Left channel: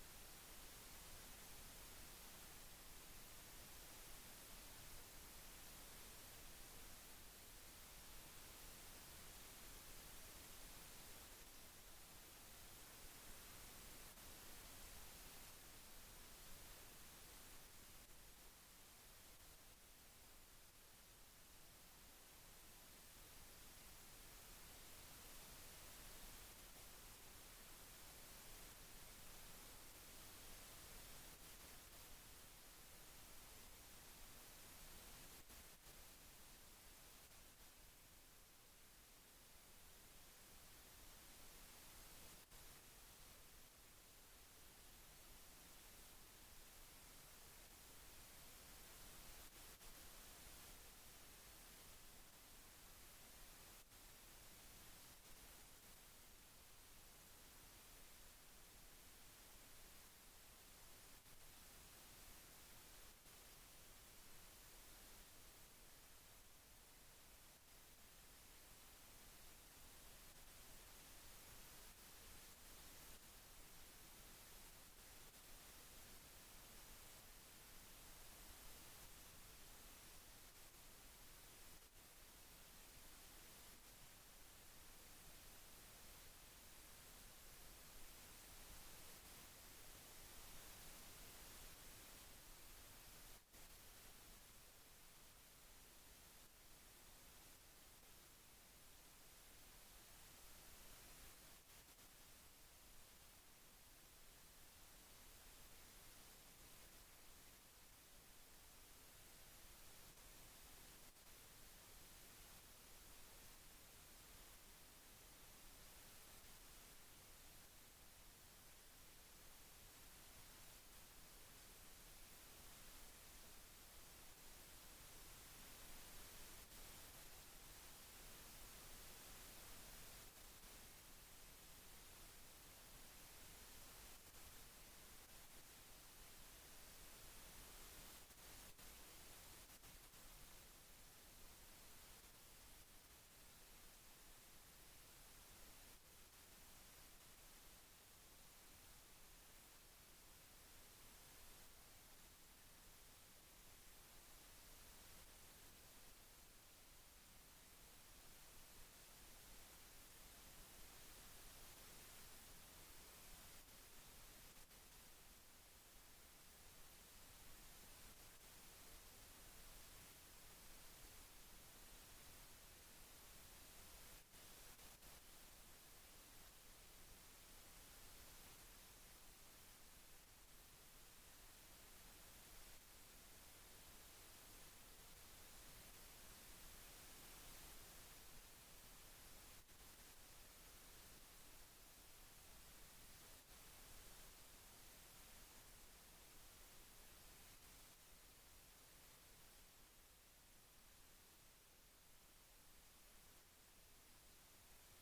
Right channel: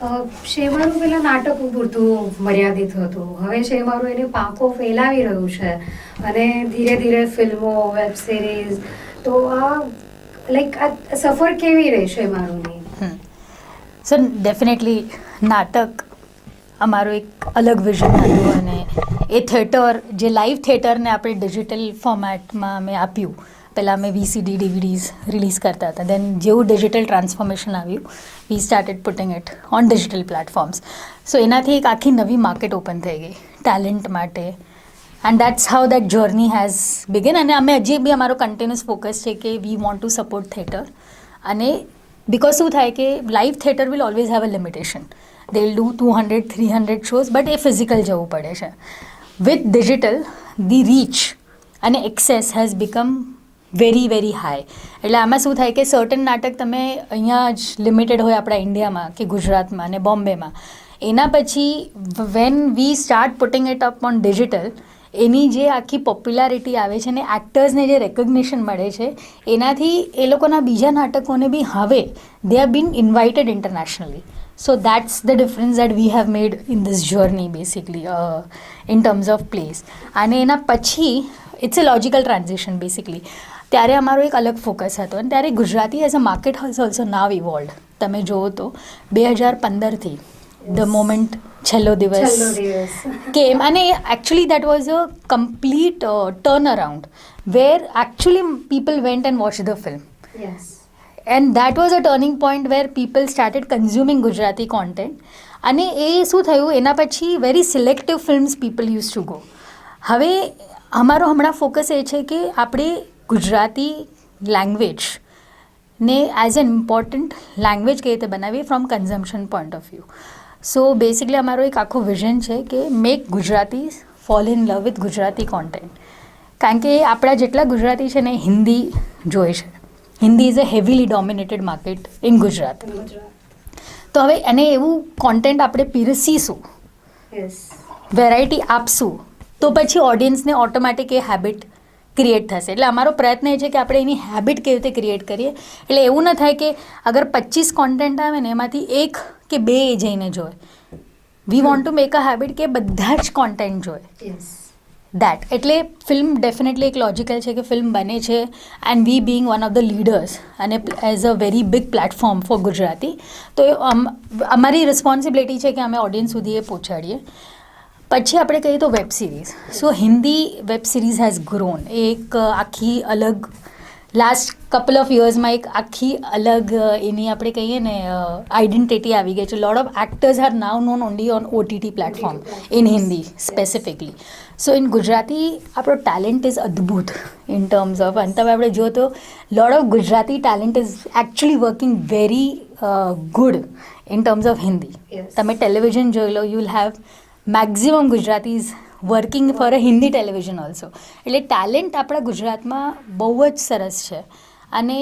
શેમારું પેલા નાટકો પૂરતું મર્યાદિત હતું. હવે શેમારું એની પાંખો ફેલાવી રહ્યું છે અને ધીરે ધીરે ફિલ્મો, વેબ સિરીઝ. તો આ સફર કેવી રહી શેમારુંની? સો ડેફિનેટલી નાટક અમારું એક અલગ વિઝન હતું અને એ થિયેટર જે લાઈવ થિયેટરને આપણે ડિજિટલ ફોર્મેટમાં અમે આપ્યું. પહેલાં અમે VCD DVDs રિલીઝ કરતા હતા. દેન જેવું ડિજિટલ ટ્રાન્સફોર્મેશન આવ્યું, we started putting it on digital platforms. So એનાથી એક આખી નવી માર્કેટ ઓપન થઈ ગઈ ટેલેન્ટ માટે. And that's how that journey has begin. અને અમે હજી બી અમારો કન્ટિન્યુઅસ ફોકસ છે કે વી વોન્ટ ટુ સપોર્ટ થિયેટર. અને બિકોઝ શું થાય કે live theatre will always have a limitation. They will do 200-300 shows, but A physical જવું પડે છે. વિથ ડિજિટલ ધી રીચ અને access has become very very high. એટલે આમાં શું થાય કે સર્ટન નાટક તમે અહીંયા જ લિમિટેડ હોય આપણા ઇન્ડિયામાં કે ગુજરાતમાં અને બોમ્બેમાં. એના પછી when we start putting it up on digital, એની જે આખી પોપ્યુલારિટી આવે છે ને એક્ટર્સને જે રેકોગ્નિશન મળે છે, એનાથી એ લોકોના બીજા નાટકોને બી હવે they are been invited internationally. So that's the difference that we have made in this journey basically in terms of place. અને એના પછી it's a logical transition basically. ત્યારે અમારો એક અલગ ફોકસ હતો અને ત્યારે Gujarati as a market has also now evolved. તમે જુઓ તો 2015થી ધ મોમેન્ટ છેલ્લો દિવસ કેમ, અને actually that was a complete turnaround where actually people went and watch the film. And that was a turning point where people started consuming Gujarati content. અને એ શું થયું, એના પછી very selective films people use to go. હવે અમારો હમણાં focus એ છે કે આપણે ગુજરાતી લેંગ્વેજને એઝ એન ઇમ્પોર્ટન્ટ લેંગ્વેજ કઈ રીતે બનાવીએ from consumption point of view. So basically અમારો એક આખો વિઝન છે કે make Gujarati fall in love with Gujarati content. કારણ કે આપણા જેટલા ગુજરાતી છે ને હિન્દી જોઈ છે. Hindi is a heavily dominated market in Gujarat. તો હવે એને એવું કોન્ટેન્ટ આપણે પીરસીશું, વેરાયટી આપશું, તો પછી ઓડિયન્સને ઓટોમેટિક એ હેબિટ ક્રિએટ થશે. એટલે અમારો પ્રયત્ન એ છે કે આપણે એની હેબિટ કેવી રીતે ક્રિએટ કરીએ. એટલે એવું ન થાય કે અગર 25 કોન્ટેન્ટ આવે ને એમાંથી 1 કે 2 એ જઈને જોએ. વી want to make a habit કે બધા જ કોન્ટેન્ટ જોએ. દેટ એટલે ફિલ્મ ડેફિનેટલી એક લોજિકલ છે કે ફિલ્મ બને છે and we being one of the leaders અને as a very big platform for Gujarati, તો અમારી રિસ્પોન્સિબિલિટી છે કે અમે ઓડિયન્સ સુધી એ પહોંચાડીએ. પછી આપણે કહીએ તો web series. So Hindi web series has grown. એ એક આખી અલગ લાસ્ટ કપલ ઓફ યર્સમાં એક આખી અલગ એની આપણે કહીએ ને આઈડેન્ટિટી આવી ગઈ છે. Lot of actors are now known only on OTT platform in Hindi specifically. So in Gujarati આપણો ટેલેન્ટ ઇઝ અદ્ભુત ઇન ટર્મ્સ ઓફ, અને તમે આપણે જો તો lot of Gujarati talent is actually working very good in terms of Hindi. તમે ટેલિવિઝન જોઈ લો, you will have maximum Gujaratis working for a Hindi television also. એટલે ટેલેન્ટ આપણા ગુજરાતમાં બહુ જ સરસ છે. અને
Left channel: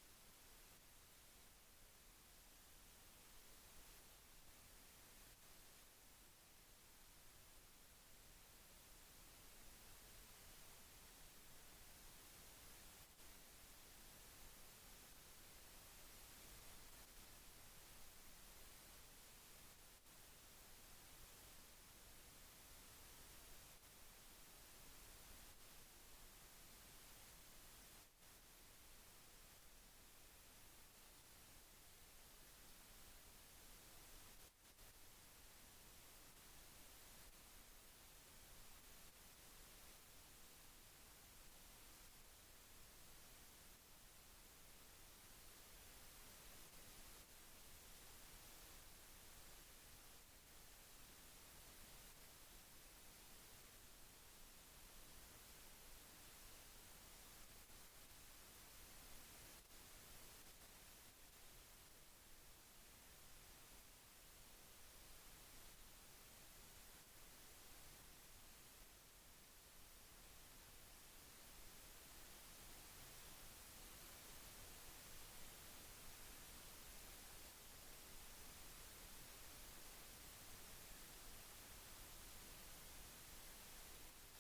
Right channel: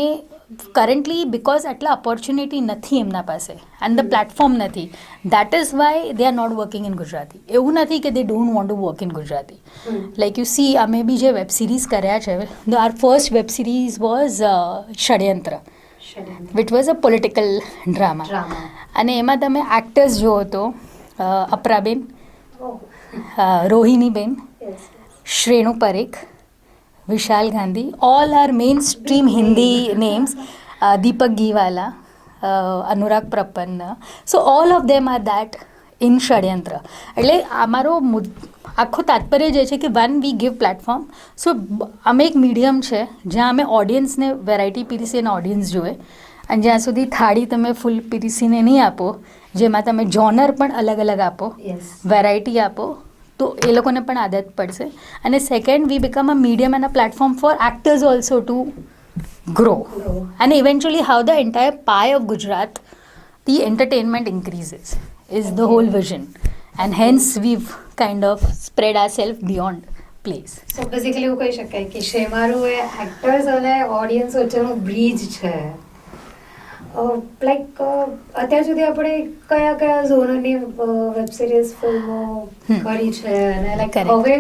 કરન્ટલી બિકોઝ આટલા ઓપોર્ચ્યુનિટી નથી એમના પાસે એન્ડ ધ પ્લેટફોર્મ નથી, that is why they are not working in Gujarati. એવું નથી કે they don't want to work in Gujarati. Like you see, અમે બી જે વેબ સિરીઝ કર્યા છે, our first web series was Shadyantra, which was a political drama. અને એમાં તમે એક્ટર્સ જુઓ તો અપરાબેન, રોહિણીબેન, શ્રેણુ પરેખ, વિશાલ Gandhi, all are mainstream Hindi names, Deepak Giwala, Anurag Prapanna. So all of them are that in ષડયંત્ર. એટલે અમારો આખું તાત્પર્ય જે છે કે વન વી ગીવ પ્લેટફોર્મ. સો અમે એક મીડિયમ છે જ્યાં અમે ઓડિયન્સને વેરાયટી પીરીસીને ઓડિયન્સ જોવે, અને જ્યાં સુધી થાળી તમે ફૂલ પીરીસીને નહીં આપો, જેમાં તમે જોનર પણ અલગ અલગ આપો, વેરાયટી આપો, તો એ લોકોને પણ આદત પડશે. અને second, we become a medium and a platform for actors also to grow. અને eventually how the entire pie of Gujarat, the entertainment increases is the whole vision. And hence we've kind of spread our self beyond place. So basically એવું કહી શકાય કે શેમારું એ actors અને audience વચ્ચેનું bridge છે. Like અત્યાર સુધી આપણે કયા કયા ઝોનરની વેબ સિરીઝ ફિલ્મો કરી છે, અને લાઈક હવે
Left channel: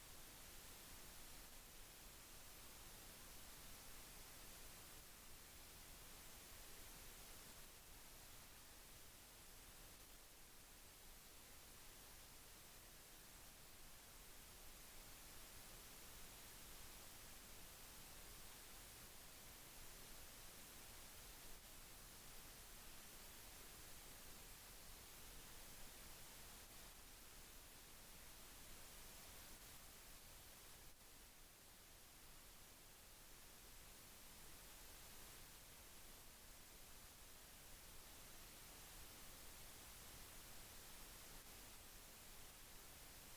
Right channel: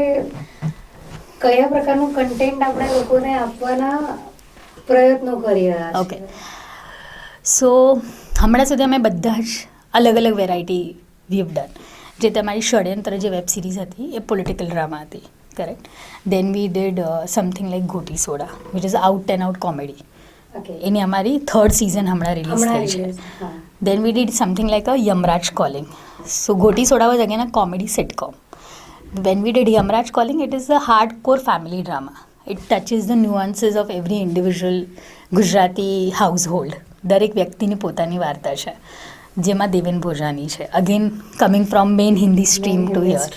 કયા પ્રકારનું કન્ટેન્ટ આપણે લોકોને આપવાના પ્રયત્નો કરી રહ્યા છે? ઓકે, સો હમણાં સુધી અમે બધા જ અલગ અલગ વેરાયટી વી હેવ ડન. જે તમારી ષડયંત્ર જે વેબ સિરીઝ હતી એ પોલિટિકલ ડ્રામા હતી, correct. Then we did something like Goti Soda which is out and out comedy. Okay. એની અમારી 3rd સિઝન હમણાં રિલીઝ હમણાં થઈ છે. release, હા. Then we did something like a Yamraj Calling. So Goti Soda was again a comedy sitcom. When we did Yamraj Calling, it is a hardcore family drama. It touches the nuances of every individual Gujarati household. દરેક વ્યક્તિની પોતાની વાર્તા છે, જેમાં દેવેન ભોજાની છે. Again coming from main Hindi stream to here.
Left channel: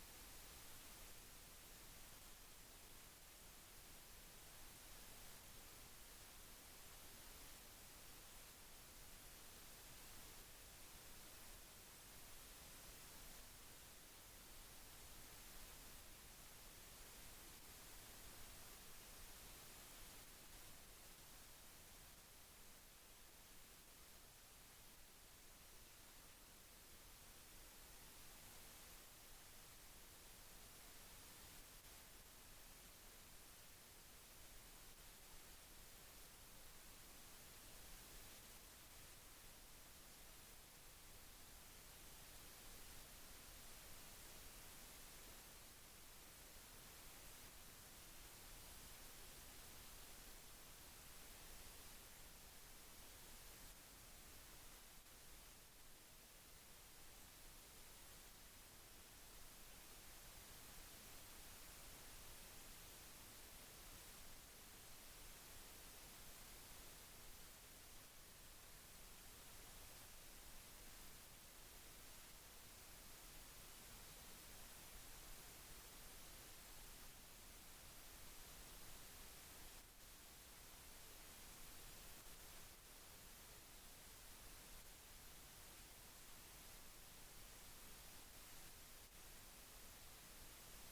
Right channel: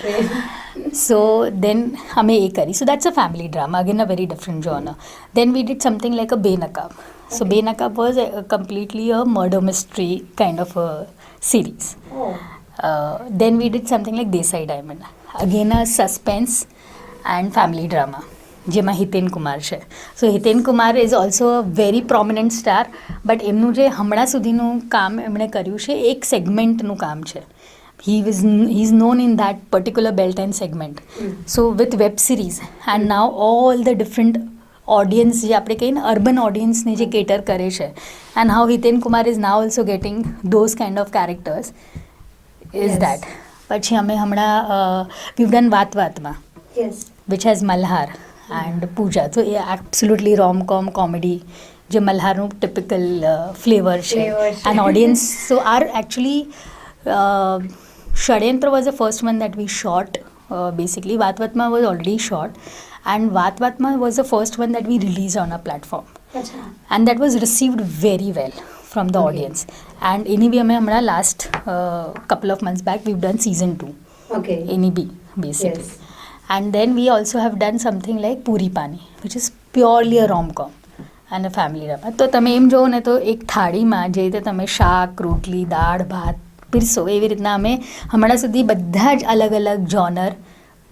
So then અમે એ કરી. So that's a family drama, again a very different genre. Then we did something like a Benaqab. So Okay. Benaqab was completely a murder mystery kind of a series. Oh. Then we did something like Desai Diamond. Again a suspense and family drama. જેમાં હિતેન કુમાર છે. So Hiten Kumar is also a very prominent star, but એમનું જે હમણાં સુધીનું કામ એમણે કર્યું છે એક સેગમેન્ટનું કામ છે. He is known in that particular belt and segment. So with web series and now all the different audience જે આપણે કહીએ ને અર્બન ઓડિયન્સને જે કેટર કરે છે, and how Hiten Kumar is now also getting those kind of characters is Yes. That. પછી અમે હમણાં we've done Vaat Vaatma Yes. Which has Malhar and Pooja. તો એ એબ્સોલ્યુટલી રોમ-કોમ કોમેડી જે મલ્હારનું ટિપિકલ ફ્લેવર છે. Flavor છે. And audience so are actually Shadyantra was the first one that we shot. Basically Vaat Vaatma was already shot and Vaat Vaatma was the first one that V release on a platform. અચ્છા. And that was received very well from the Okay. audience. And એની બી અમે હમણાં last couple of months back we've done season 2. Okay. Any B basically. Yes. And then we also have done something like Puri Pani, which is purely a rom-com and a family drama. તો તમે એમ જોવો ને તો એક થાળીમાં જે રીતે તમે શાક, રોટલી, દાળ, ભાત પીરસો એવી રીતના અમે હમણાં સુધી બધા જ અલગ અલગ જોનર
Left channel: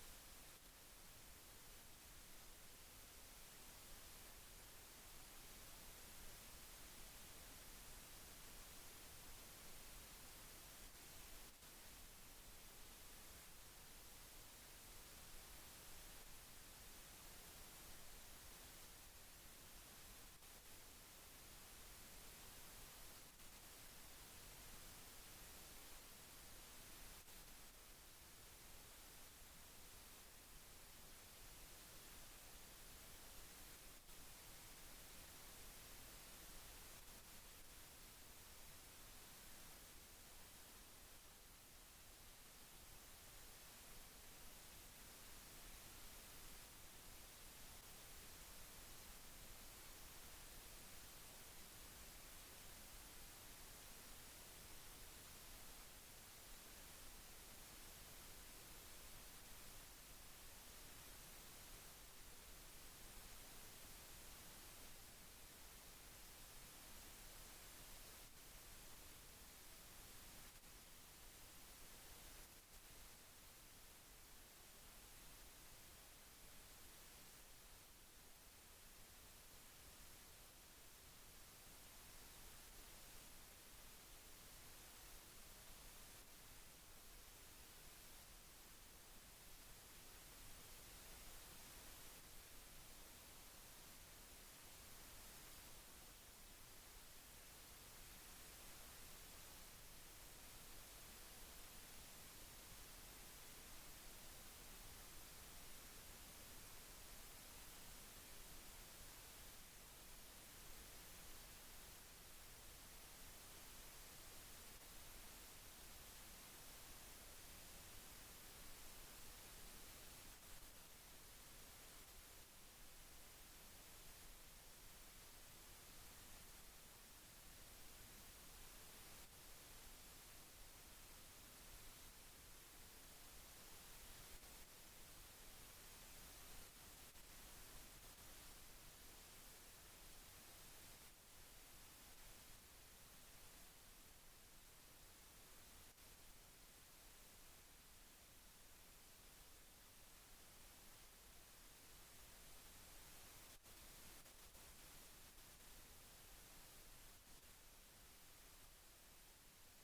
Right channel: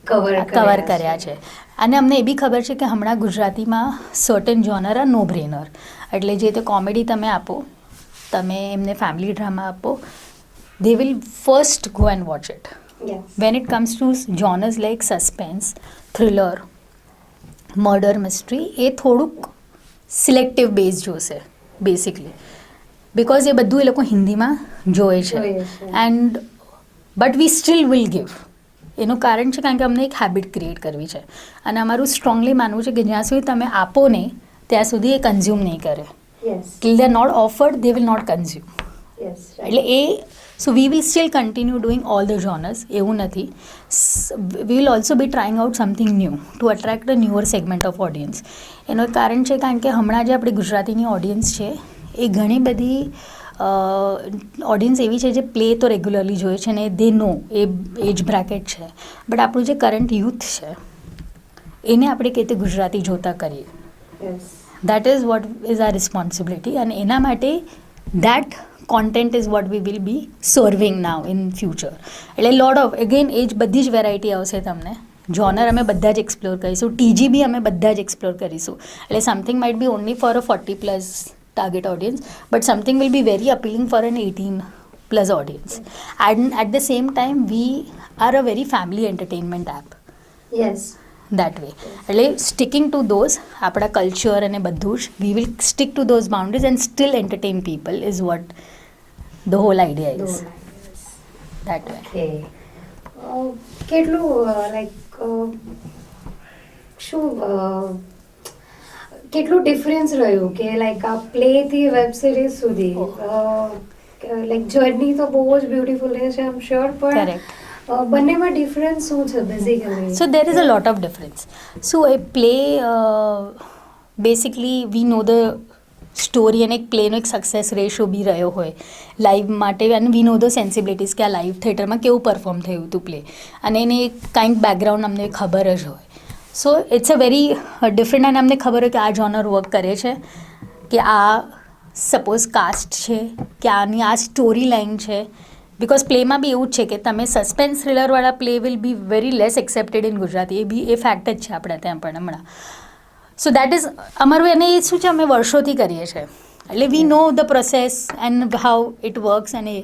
કવર કર્યા છે. અને અમને એ બી ખબર છે કે હમણાં ગુજરાતીમાં સર્ટન જોનર આ નો બ્રેનર. એટલે જે તે કોમેડી તમે આપો, તમે એમને ફેમિલી ડ્રામા આપો, they will first go and watch it. Yes. When it comes to genres like suspense, thriller, murder mystery, એ થોડુંક સિલેક્ટિવ બેઝ જોશે બેસિકલી, બિકોઝ એ બધું એ લોકો હિન્દીમાં જોએ છે. જોઈએ છે. And but we still will give. એનું કારણ છે કારણ કે અમને એક હેબિટ ક્રિએટ કરવી છે અને અમારું સ્ટ્રોંગલી માનવું છે કે જ્યાં સુધી તમે આપો નહીં ત્યાં સુધી એ કન્ઝ્યુમ નહીં કરે. Yes. Till they are not offered they will not consume. Yes. Right. એટલે એ so we will still continue doing all the genres, એવું નથી. We will also be trying out something new to attract a newer segment of audience. એનું એક કારણ છે કારણ કે હમણાં જે આપણી ગુજરાતીની ઓડિયન્સ છે એ ઘણી બધી ઓડિયન્સ એવી છે જે પ્લે તો રેગ્યુલરલી જોઈએ છે ને દે નો એ એજ બ્રેકેટ છે, બટ આપણું જે કરંટ યુથ છે એને આપણે કઈ રીતે ગુજરાતી જોતા કરીએ. Yes. That is what is our responsibility, and એના માટે that content is what we will be serving now in future. એટલે લોટ ઓફ અગેન એ જ બધી જ વેરાયટી આવશે તમને. જોનર અમે બધા જ એક્સપ્લોર કરીશું, ટીજી અમે બધા જ એક્સપ્લોર કરીશું. એટલે something might be only for a 40+ target audience, but something will be very appealing for an 18+ audience. And at the same time we are a very family entertainment app. Yes. That way. એટલે sticking to those આપણા culture અને બધું જ we will stick to those boundaries and still entertain people is what the whole idea is that way. Okay. કેટલું like શું કેટલું difference રહ્યું કે લાઈક આ પ્લેથી વેબ સિરીઝ સુધી લાઈક જર્ની તો બહુ જ બ્યુટીફુલ છે આઈ એમ શ્યોર, પણ Correct. બંનેમાં ડિફરન્સ શું છે basically? So there is a lot of difference. So a play basically we know the story અને એક પ્લેનો એક સક્સેસ રેશિયો બી રહ્યો હોય લાઈવ માટે, અને વી નો ધ સેન્સિબિલિટીઝ કે આ લાઈવ થિયેટરમાં કેવું પરફોર્મ થયું હતું પ્લે, અને એની કાંઈક બેકગ્રાઉન્ડ અમને ખબર જ હોય. So it's a very different, અને અમને ખબર હોય કે આ જોનર વર્ક કરે છે, કે આ સપોઝ કાસ્ટ છે, કે આની આ સ્ટોરી લાઈન છે. બિકોઝ પ્લેમાં બી એવું જ છે કે તમે સસ્પેન્સ થ્રિલરવાળા play will be very less accepted in Gujarati. એ બી એ ફેક્ટ જ છે આપણે ત્યાં પણ હમણાં. સો દેટ ઇઝ અમારું, એને એ શું છે અમે વર્ષોથી કરીએ છીએ, એટલે we know the process and how it works. અને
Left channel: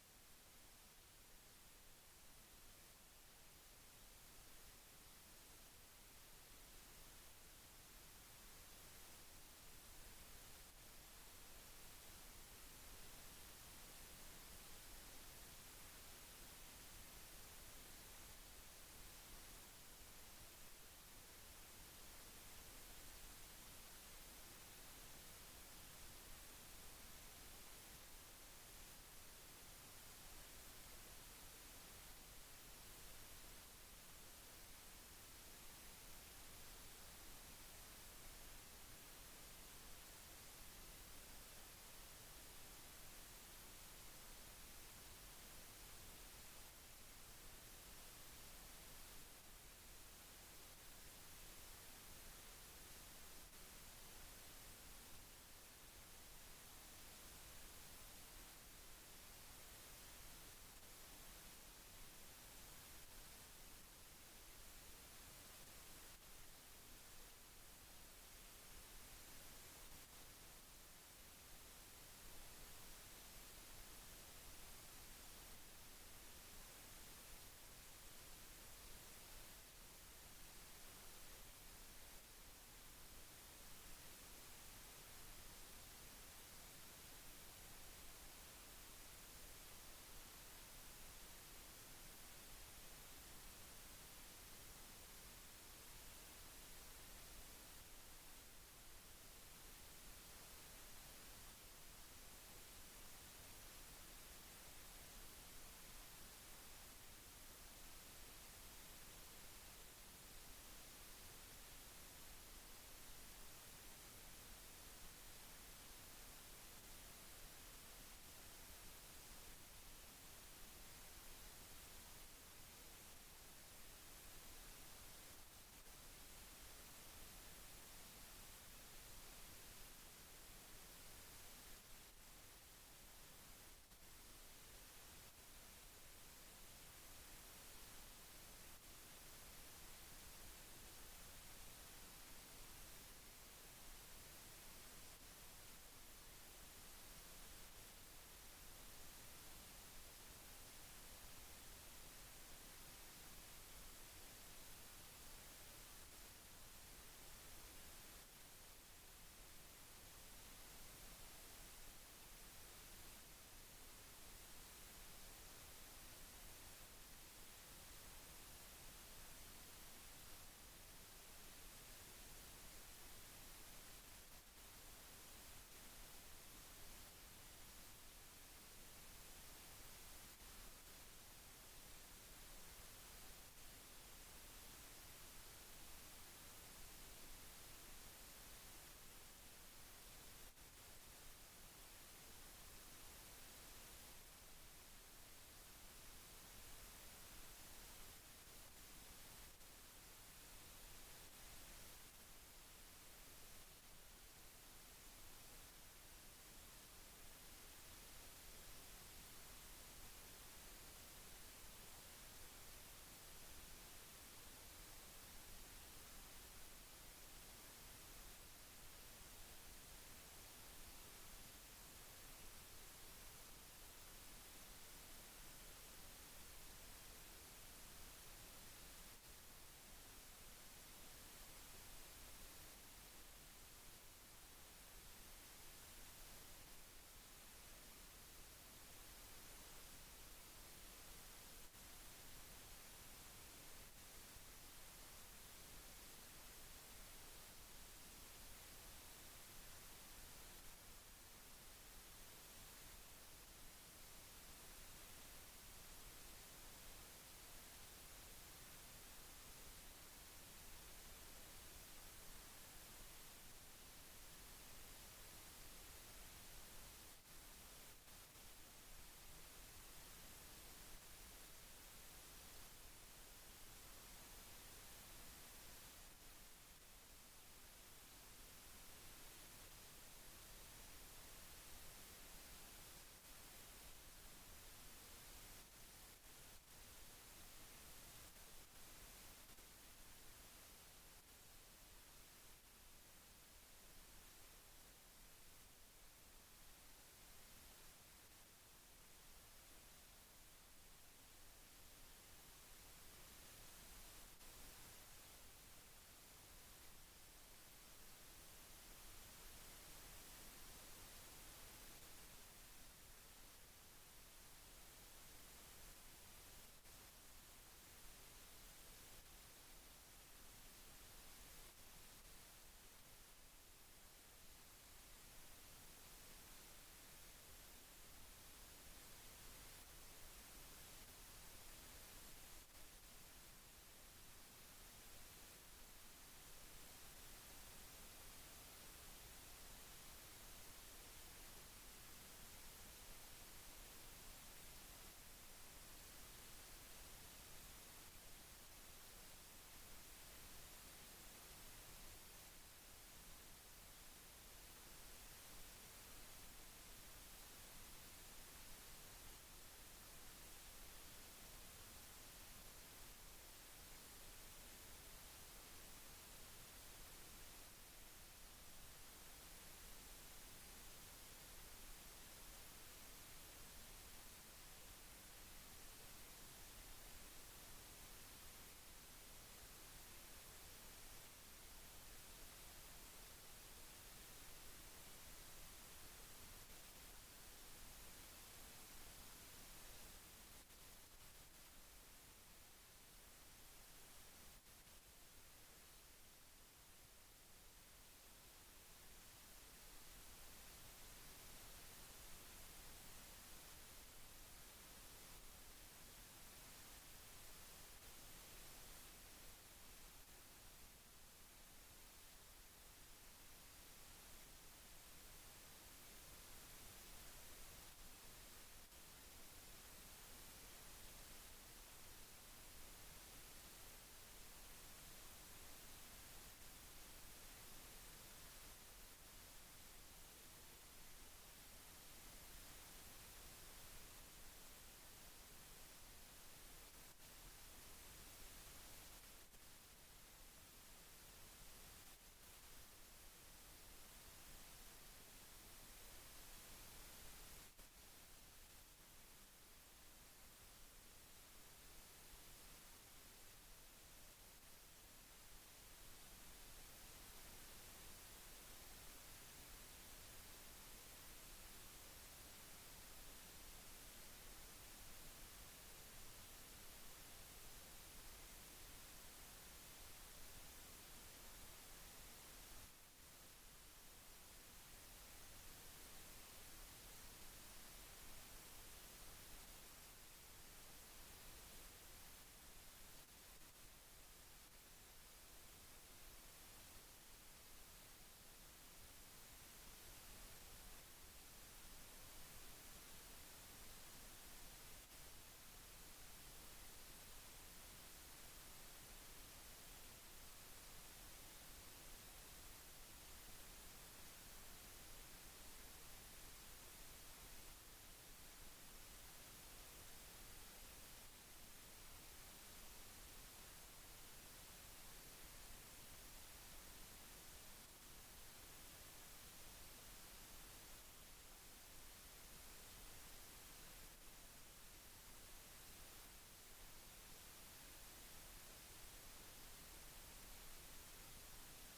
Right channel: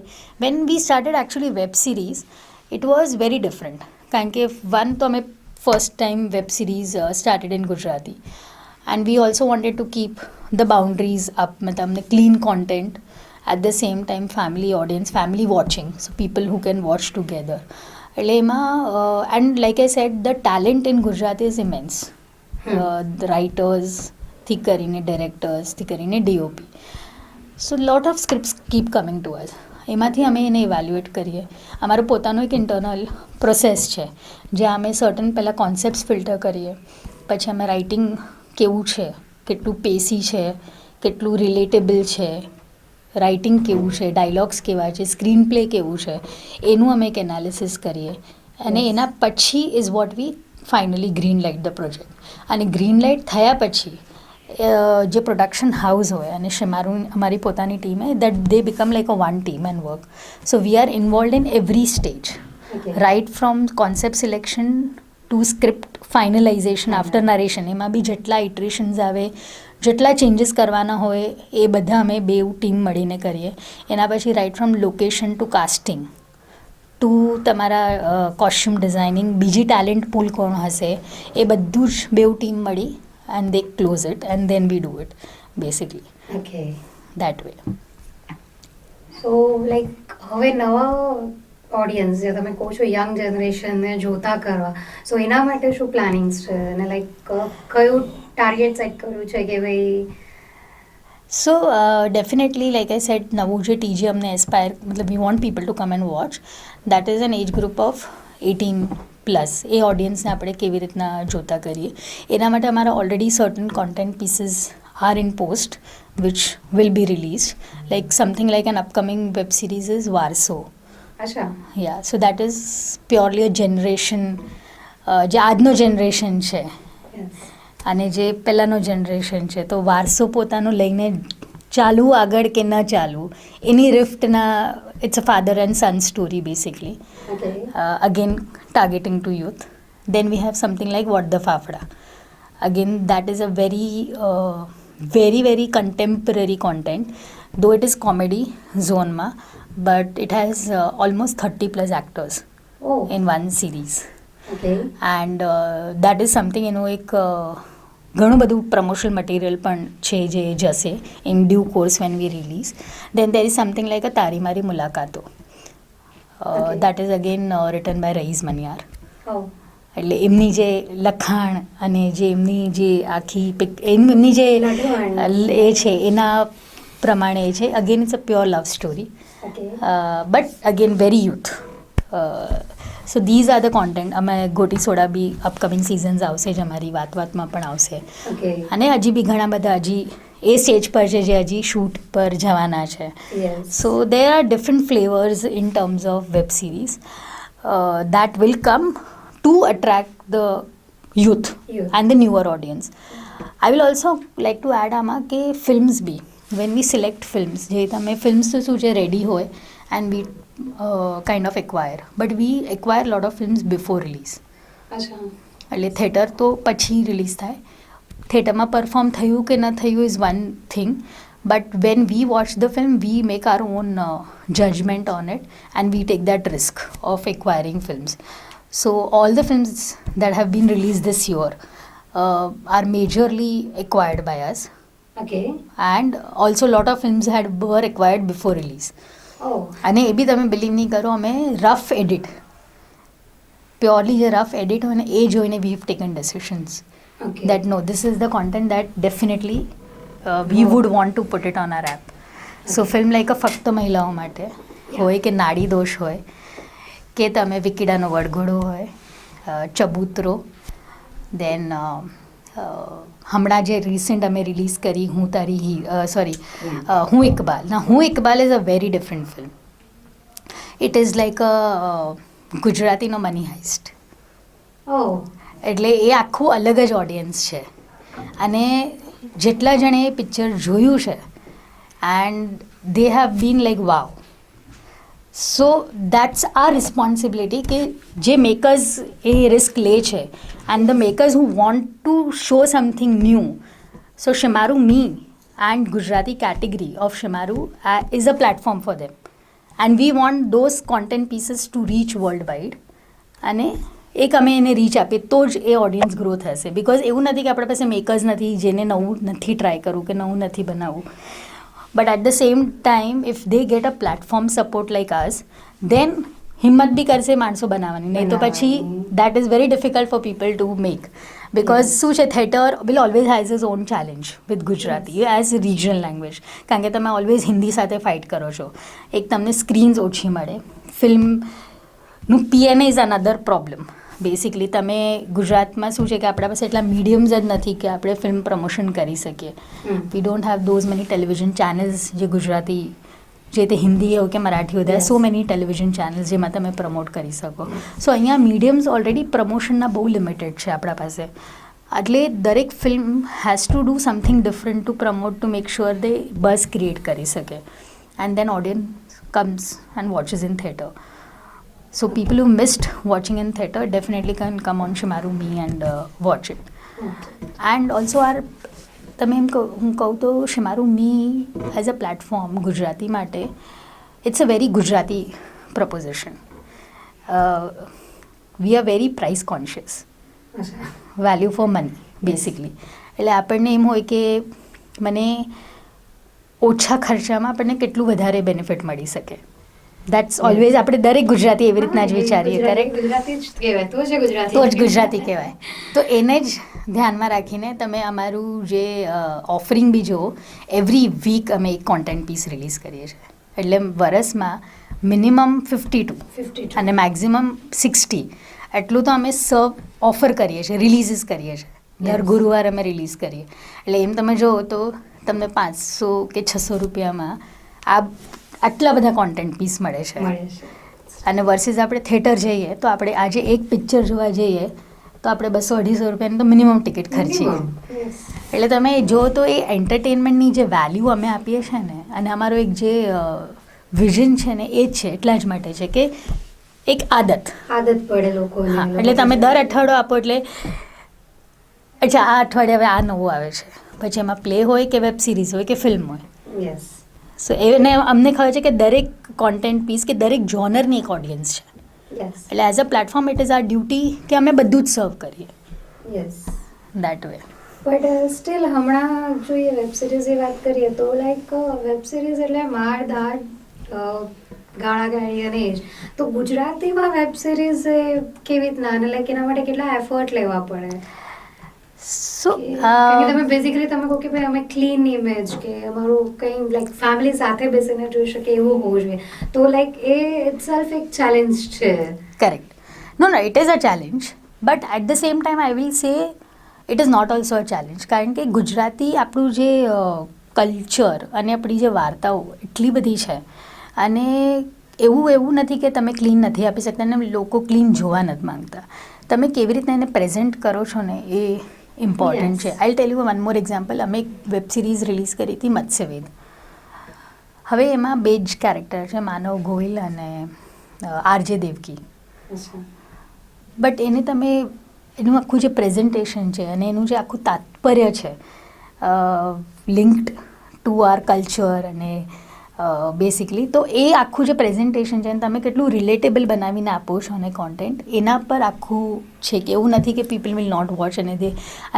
when we started actually web series it was very different, કારણ કે વન તો અમે first time web series started in Gujarati, and we also wanted to keep the boundaries up, મતલબ અમને clean content at the same time family audience, family watching, so people who can watch together. એટલે એમાં and like I said the talent in Gujarat is immense. રાઇટર્સથી કરીને ડિરેક્ટર્સથી કરીને DOP. So lot of scripts keep coming to us. એમાંથી અમે એને evaluate કરીએ. અમારો પોતાનો એક ઇન્ટરનલ પ્રોસેસ છે જ્યાં અમે સર્ટન પહેલાં કોન્સેપ્ટ્સ ફિલ્ટર કરીએ, પછી અમે રાઇટિંગ કેવું છે, કેટલું પેસી છે, કેટલું રિલેટેબલ છે, રાઇટિંગ કેવું છે, ડાયલોગ્સ કેવા છે, સ્ક્રીન પ્લે કેવું છે, એનું અમે એક એનાલિસિસ કરીએ. અને એના પછી is what V finally green light the project. અને ગ્રીન લાઇટ થયા પછી જે પ્રોડક્શન હાઉસ હોય અને શેમારું અમારી પોતાની ટીમ હે, that they become like a one team and work. So we are involved in every stage, right from concept selection to script finalisation after narration. એમાં બી જેટલા ઇટરેશન્સ આવે, જેટલા ચેન્જીસ કરવાના હોય એ બધા અમે બેઉ ટીમ મળીને કરીએ. એના પછી right from location to casting to તમારા કોસ્ચ્યુમ ડિઝાઇનિંગ, બીજી ટેલેન્ટ પૂલ કોણ હશે, એ બધું જ બેઉ ટીમ મળી and they close it and then we do it basically okay. That way. So like હવે નવા ઓડિયન્સ જે તમે કહો છો યંગ જનરેશનને જોતા કરવા, સો એના માટે શું પ્લાનિંગ્સ છે અને લાઈક કયું ટાર્ગેટ સેટ કર્યું છે કે ભાઈ? So definitely like I said, નવું જે TG અમને એસ્પાયર, મતલબ we want people to come and watch. That is an age group of 18+. એ ઓડિયન્સને આપણે કેવી રીતના જોતા કરીએ એના માટે અમારા already certain content pieces are in post which will be release. Like something like an upcoming web series is Vaarso. અચ્છા. Yeah, so that is purely a generation, જે આજનો જનરેશન છે અને જે પહેલાંનો જનરેશન છે, તો વારસો પોતાનું લઈને ચાલવું આગળ કે ન ચાલવું એની રિફ્ટના, it's a father and son story basically. Okay. Again targeting to youth. Then we have something like What the Fafda. Again, that is a very contemporary content, though it is comedy zone ma, but it has almost 30+ actors Oh. in one series. Okay. And that is something, એનું એક ઘણું બધું promotional material પણ છે જે જશે in due course when we release. Then there is something like a Tari Mari Mulakato. Okay. That is again written by Raees Maniyar. Oh. એટલે એમની જે લખાણ અને જે એમની જે આખી એમની જે લખાણ. એ છે એના પ્રમાણે છે. Again it's a pure love story, Okay. But again very youth. So these are the content. અમે ગોટી સોડા બી અપકમિંગ સિઝન્સ આવશે જ, અમારી વાતમાં પણ આવશે. Okay. અને હજી બી ઘણા બધા હજી એ સ્ટેજ પર છે જે હજી શૂટ પર જવાના છે. Yes. So there are different flavors in terms of web series that will come to attract the youth Youth. and the newer audience. I will also like to add આમાં કે films બી, when we select films, જે તમે films તો શું છે ready હોય and we kind of acquire, but we acquire lot of films before release. અચ્છા. એટલે થિયેટર તો પછી રિલીઝ થાય. થિયેટરમાં પરફોર્મ થયું કે ન થયું is one thing, but when we watch the film we make our own judgement on it and we take that risk of acquiring films. So all the films that have been release this year are majorly acquired by us, Okay. And also lot of films were acquired before release. Oh. અને એ બી તમે believe નહીં કરો, અમે rough edit, purely જે rough edit હોય ને એ જોઈને we have taken decisions Okay. that no, this is the content that definitely we would want to put it on our app. So film like a ફક્ત મહિલાઓ માટે હોય કે નાડી દોષ હોય કે તમે વિકીડાનો વડઘોડો હોય, ચબૂતરો, દેન હમણાં જે રિસેન્ટ અમે રિલીઝ કરી હું તારી હું ઇકબાલ. ના, હું Iqbal is a very different film. It is like a ગુજરાતીનો મની હાઇસ્ટ. Oh. એટલે એ આખું અલગ જ ઓડિયન્સ છે. અને જેટલા જણે એ પિક્ચર જોયું છે and they have been like wow. So that's our responsibility કે જે મેકર્સ એ રિસ્ક લે છે and the makers who want to show something new. So Shemaroo me and Gujarati category of Shemaroo is a platform for them and we want those content pieces to reach worldwide. અને એક અમે એને reach આપીએ તો જ એ ઓડિયન્સ ગ્રો થશે. Because એવું નથી કે આપણા પાસે મેકર્સ નથી જેને નવું નથી ટ્રાય કરવું કે નવું નથી બનાવવું. But at the same time if they get a platform support like us then હિંમત બી કરશે માણસો બનાવવાની, નહીં તો પછી that is very difficult for people to make. Because શું છે, theatre will always has is on challenge with Gujarati as regional language, કારણ કે તમે ઓલવેઝ હિન્દી સાથે ફાઇટ કરો છો. એક તમને સ્ક્રીન્સ ઓછી મળે, ફિલ્મનું પીએનએ ઇઝ અનધર પ્રોબ્લેમ. બેસિકલી તમે ગુજરાતમાં શું છે કે આપણા પાસે એટલા મીડિયમ્સ જ નથી કે આપણે ફિલ્મ પ્રમોશન કરી શકીએ. We don't have those many television channels જે ગુજરાતી, જે તે હિન્દી હોય કે મરાઠી હોય, સો મેની ટેલિવિઝન ચેનલ્સ જેમાં તમે પ્રમોટ કરી શકો. સો અહીંયા મીડિયમ્સ ઓલરેડી પ્રમોશનના બહુ લિમિટેડ છે આપણા પાસે. એટલે દરેક film has to do something different to promote to make sure the buzz create કરી શકે, and then audience comes and watches in theatre. So people who missed watching in theatre definitely can come on Shimaru Me and watch it. And also તમે એમ હું કહું તો Shimaru Me as a platform Gujarati માટે, it's a very Gujarati proposition. We are very price conscious. Value for money basically. એટલે આપણને એમ હોય કે મને ઓછા ખર્ચામાં આપણને કેટલું વધારે બેનિફિટ મળી શકે. દેટ્સ ઓલવેઝ આપણે દરેક ગુજરાતી એવી રીતના જ વિચારીએ, કરેક્ટ? ગુજરાતી જ કહેવાય તો જ ગુજરાતી કહેવાય. તો એને જ ધ્યાનમાં રાખીને તમે અમારું જે ઓફરિંગ બી જુઓ, એવરી વીક અમે એક કોન્ટેન્ટ પીસ રિલીઝ કરીએ છીએ. એટલે વરસમાં મિનિમમ 52 અને મેક્ઝિમમ 60 એટલું તો અમે ઓફર કરીએ છીએ, રિલીઝીસ કરીએ છીએ. દર ગુરુવાર અમે રિલીઝ કરીએ. એટલે એમ તમે જુઓ તો તમને 500 કે 600 રૂપિયામાં આટલા બધા કોન્ટેન્ટ પીસ મળે છે. અને વર્સિસ આપણે થિયેટર જઈએ તો આપણે આજે એક પિક્ચર જોવા જઈએ તો આપણે 200-250 રૂપિયાની તો મિનિમમ ટિકિટ ખર્ચીએ. એટલે તમે જો તો એ એન્ટરટેનમેન્ટની જે વેલ્યુ અમે આપીએ છીએ ને, અને અમારો એક જે વિઝન છે ને, એ જ છે એટલા જ માટે છે કે એક આદત પડે લોકોને. હા, એટલે તમે દર અઠવાડિયો આપો એટલે અચ્છા આ અઠવાડિયે હવે આ નવું આવે છે, પછી એમાં પ્લે હોય કે વેબ સિરીઝ હોય કે ફિલ્મ હોય. યસ. સો એને અમને ખબર છે કે દરેક કોન્ટેન્ટ પીસ કે દરેક જોનરની એક ઓડિયન્સ છે. એટલે as a platform it is our duty કે અમે બધું જ સર્વ કરીએ. Yes, that way. But still હમણાં જોઈએ વેબ સિરીઝની વાત કરીએ તો લાઈક વેબ સિરીઝ એટલે માર દાડ ગાળા ગાળી અને એ જ. તો ગુજરાતીમાં વેબ સિરીઝ કેવી રીતના, અને લાઈક એના માટે કેટલા એફર્ટ લેવા પડે? સો તમે બેઝિકલી તમે કહો કે ભાઈ અમે ક્લીન ઇમેજ કે અમારું કંઈ લાઈક ફેમિલી સાથે બેસીને જોઈ શકે એવું હોવું જોઈએ, તો લાઈક એ ઇટસેલ્ફ એક ચેલેન્જ છે. Correct. No it is a challenge, but at the same time I will say it is not also a challenge, કારણ કે ગુજરાતી આપણું જે કલ્ચર અને આપણી જે વાર્તાઓ એટલી બધી છે, અને એવું નથી કે તમે ક્લીન નથી આપી શકતા અને લોકો ક્લીન જોવા નથી માંગતા. તમે કેવી રીતના એને પ્રેઝન્ટ કરો છો ને એ ઇમ્પોર્ટન્ટ છે. I tell you one more example. અમે એક વેબ સિરીઝ રિલીઝ કરી હતી મત્સ્યવેદ. હવે એમાં 2 જ કેરેક્ટર છે, માનવ ગોહિલ અને આરજે દેવકી. બટ એને તમે એનું આખું જે પ્રેઝન્ટેશન છે અને એનું જે આખું તાત્પર્ય છે લિંક્ડ ટુ આર કલ્ચર અને બેસિકલી, તો એ આખું જે પ્રેઝન્ટેશન છે તમે કેટલું રિલેટેબલ બનાવીને આપો છો અને કોન્ટેન્ટ, એના પર આખું છે કે એવું નથી કે પીપલ વિલ નોટ વોચ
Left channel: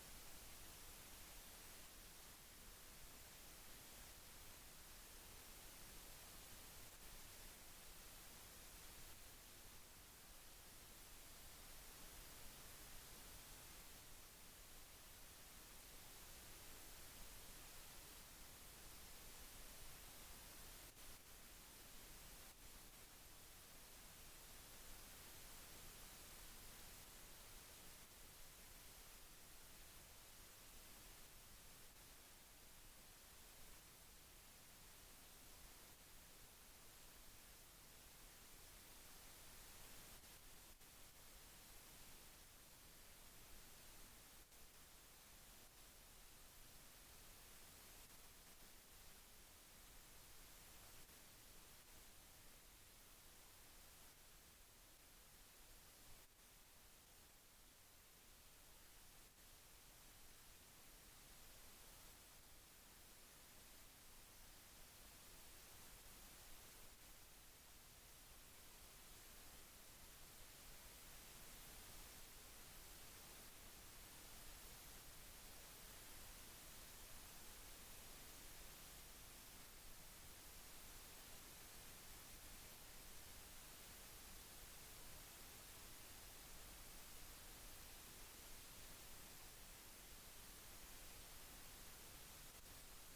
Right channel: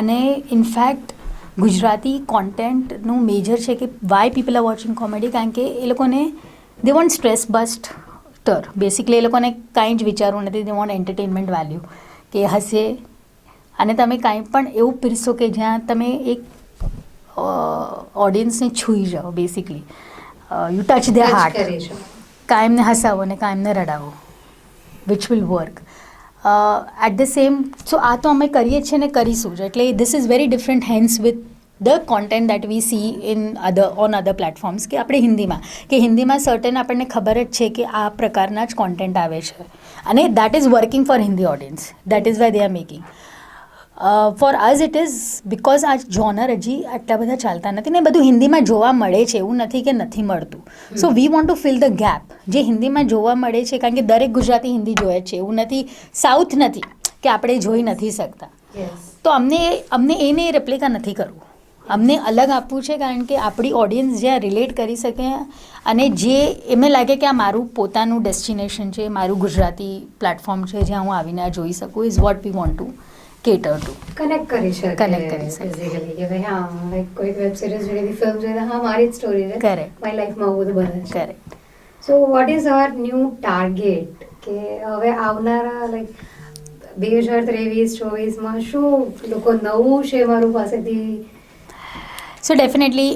અને ઇનફેક્ટ ગુજરાતી કોન્ટેન્ટનું મેજર છે કે why people are watching comedy, કારણ કે એ લોકોને they want stress buster. Basically એ લોકોને કાંઈ જ વિચારવું નથી, દે વોન્ટ એન્ટરટેનમેન્ટ વેલ્યુ, કે હશે અને તમે કાંઈ પણ એવું પીરશો કે જ્યાં તમે એક ઓડિયન્સને છૂઈ જાઓ. Basically you touch their heart. કાંઈ એમને હસાવો ને કાંઈ એમને રડાવો, which will work at the same. So આ તો અમે કરીએ છીએ ને કરીશું જ. એટલે this is very different hence with the content that we see in on other platforms. કે આપણે હિન્દીમાં સર્ટેન આપણને ખબર જ છે કે આ પ્રકારના જ કોન્ટેન્ટ આવે છે, અને that is working for Hindi audience. That is why they are making. For us it is because આ જોનર હજી આટલા બધા ચાલતા નથી ને બધું હિન્દીમાં જોવા મળે છે, એવું નથી કે નથી મળતું. So we want to fill the gap. જે હિન્દીમાં જોવા મળે છે, કારણ કે દરેક ગુજરાતી હિન્દી જોવે છે, એવું નથી સાઉથ નથી કે આપણે જોઈ નથી શકતા. તો અમને એને રેપ્લિકા નથી કરવું, અમને અલગ આપવું છે, કારણ કે આપણી ઓડિયન્સ જ્યાં રિલેટ કરી શકે અને જે એમને લાગે કે આ મારું પોતાનું ડેસ્ટિનેશન છે, મારું ગુજરાતી પ્લેટફોર્મ છે જ્યાં હું આવીને આ જોઈ શકું, is what we want to cater to. Connect કરી શકે Connect કરી શકે. બેઝિકલી કે ભાઈ હા લાઈક કોઈક વેબ સિરીઝ જોઈ ફિલ્મ જોઈ હા મારી જ સ્ટોરી છે Correct. મારી લાઈફમાં આવું બધું બને છે. Correct. So what is our new target કે હવે આવનારા લાઈક 2023-24માં શું લોકો નવું છે મારું પાસેથી સો ડેફિનેટલી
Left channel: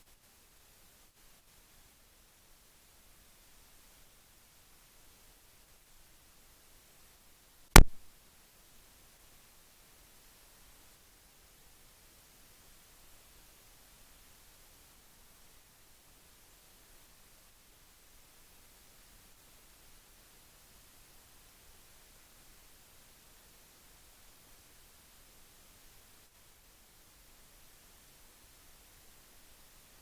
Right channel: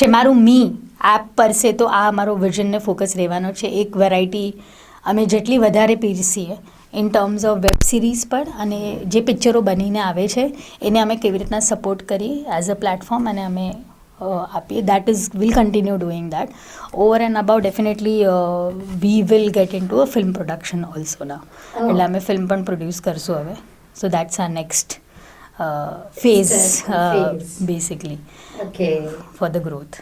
શેમારું મી એપ પર સે તો આ અમારો વિઝનને ફોકસ રહેવાનો છે. એક વેરાયટી અમે જેટલી વધારે પીરસીએ in terms of web series પર અને જે પિક્ચરો બનીને આવે છે એને અમે કેવી રીતના સપોર્ટ કરીએ એઝ અ પ્લેટફોર્મ અને અમે આપીએ. That is will continue doing that. Over and about definitely we will get into a film production also now. એટલે અમે ફિલ્મ પણ પ્રોડ્યુસ કરશું હવે. So that's our next phase phase. Basically okay for the growth.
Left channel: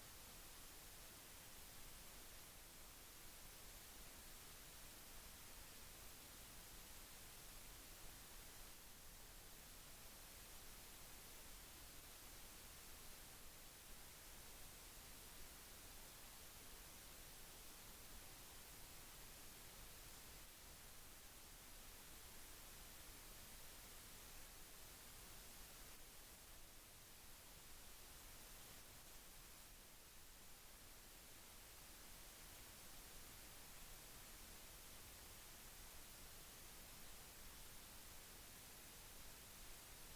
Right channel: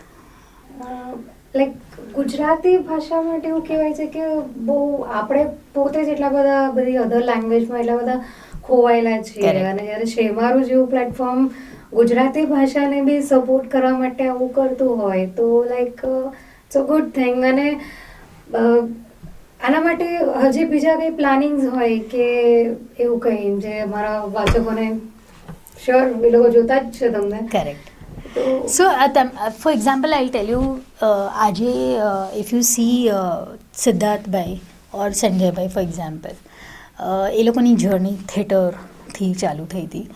Like Gujarati ભાષા માટે એવું કહેવાય છે કે બહુ આપણે પોતે જ એટલા બધા બધી અધર લેંગ્વેજમાં એટલા બધા ખોવાયેલા છીએ Correct. અને જ્યારે શેમારું જેવું પ્લેટફોર્મ ગુજરાતી ભાષાને બી સપોર્ટ કરવા માટે આવું કરતું હોય તો like it's a good thing. અને આના માટે હજી બીજા કંઈ પ્લાનિંગ્સ હોય કે એવું કંઈ જે મારા વાચકોને શ્યોર એ લોકો જોતા જ છે તમને કરેક્ટ. તો so for example I tell you આજે if you see Siddharthbhai or Sanjaybhai for example એ લોકોની જર્ની થિયેટરથી ચાલુ થઈ હતી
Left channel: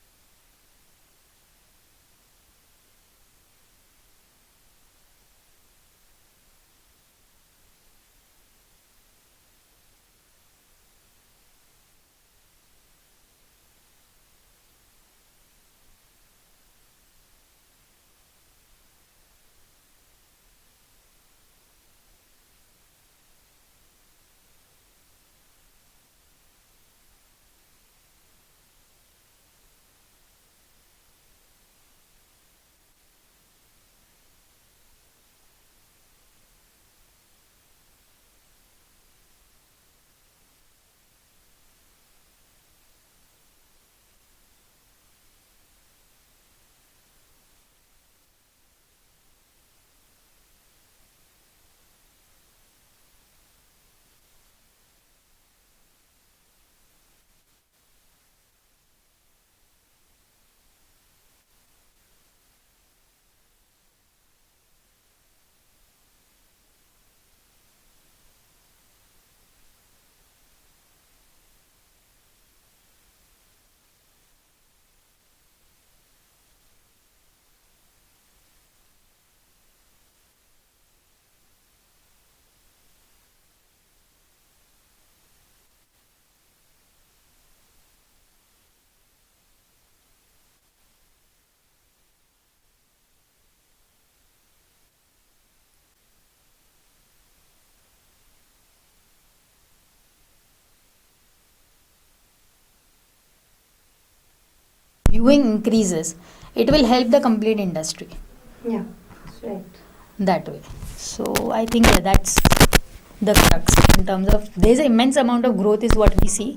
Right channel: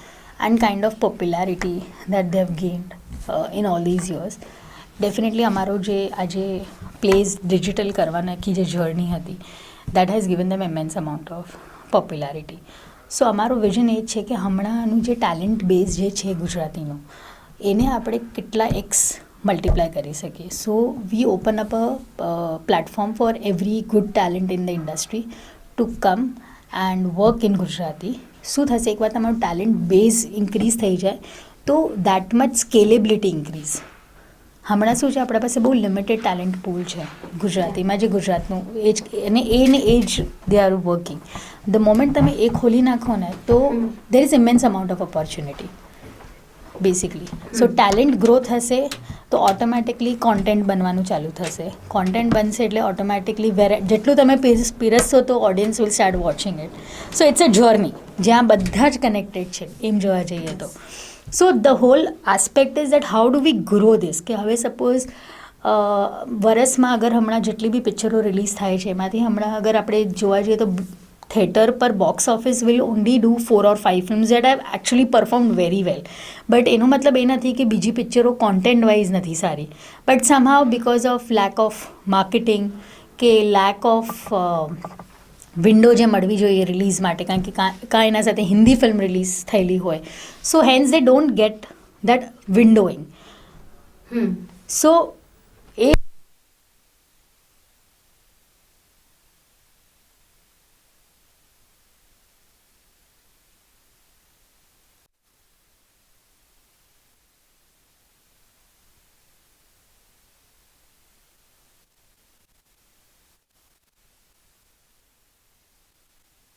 and kind of popularity that they have gained in all these years. Definitely અમારો જે આજે પ્લેઝ ડિજિટલ કરવાના આખી જે જર્ની હતી that has given them immense amount of popularity. So અમારું વિઝન એ જ છે કે હમણાંનું જે ટેલેન્ટ બેઝ જે છે ગુજરાતીનું એને આપણે કેટલા એક્સ મલ્ટીપ્લાય કરી શકીએ. So we open up a platform for every good talent in the industry to come and work in Gujarati. શું થશે એકવાર તમારું ટેલેન્ટ બેઝ ઇન્ક્રીઝ થઈ જાય તો દેટ મચ સ્કેલેબિલિટી ઇન્ક્રીઝ. હમણાં શું છે આપણા પાસે બહુ લિમિટેડ ટેલેન્ટ પૂલ છે ગુજરાતીમાં જે ગુજરાતનું એ જ અને એ જ they are working. The moment તમે એ ખોલી નાખો ને તો there is ઇમેન્સ amount of opportunity basically. So talent grow થશે તો ઓટોમેટિકલી કોન્ટેન્ટ બનવાનું ચાલુ થશે. કોન્ટેન્ટ બનશે એટલે ઓટોમેટિકલી જેટલું તમે પીરસશો તો audience will start watching it. So it's a journey જ્યાં બધા જ કનેક્ટેડ છે એમ જોવા જઈએ તો. So the whole aspect is that how do we grow this કે હવે સપોઝ વરસમાં અગર હમણાં જેટલી બી પિક્ચરો રિલીઝ થાય છે એમાંથી હમણાં અગર આપણે જોવા જઈએ તો થિયેટર પર box office will only do 4 or 5 films that have actually performed very well. But એનો મતલબ એ નથી કે બીજી પિક્ચરો કોન્ટેન્ટ વાઇઝ નથી સારી. But somehow because of lack of marketing કે લેક ઓફ વિન્ડો જે મળવી જોઈએ રિલીઝ માટે કારણ કે કાં એના સાથે હિન્દી ફિલ્મ રિલીઝ થયેલી હોય so hence they don't get that windowing. So એ viewing increases, it will help the complete industry yeah right. that way. So I think that's the crux in terms of there's an immense amount of growth is what we see.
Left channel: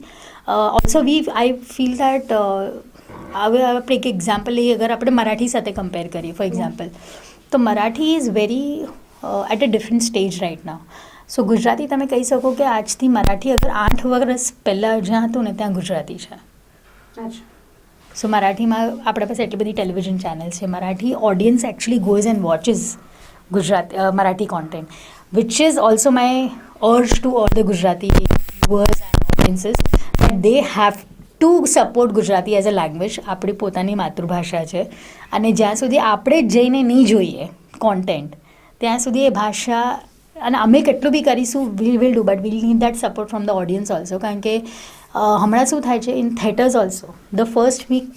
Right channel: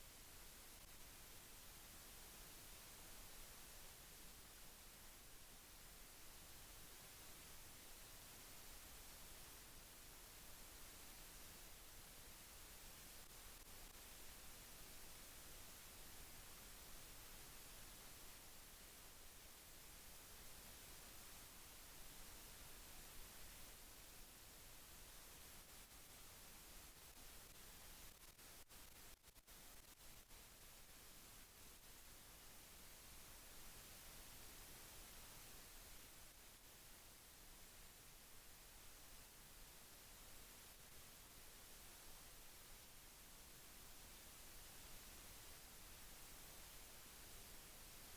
Also I feel that હવે આપણે એક example લઈએ અગર આપણે મરાઠી સાથે compare કરીએ for example તો Marathi is very at a different stage right now. So Gujarati તમે કહી શકો કે આજથી મરાઠી અગર 8 વર્ષ પહેલાં જ્યાં હતું ને ત્યાં ગુજરાતી છે. અચ્છા સો મરાઠીમાં આપણા પાસે એટલી બધી ટેલિવિઝન ચેનલ્સ છે. Marathi audience actually goes and watches Marathi content which is also my urge to all the Gujarati viewers and ઓડિયન્સીસ that they have to support Gujarati as a language. આપણી પોતાની માતૃભાષા છે અને જ્યાં સુધી આપણે જ જઈને નહીં જોઈએ કોન્ટેન્ટ ત્યાં સુધી એ ભાષા અને અમે કેટલું બી કરીશું will do but will need that support from the audience also. કારણ કે હમણાં શું થાય છે in theatres also the first week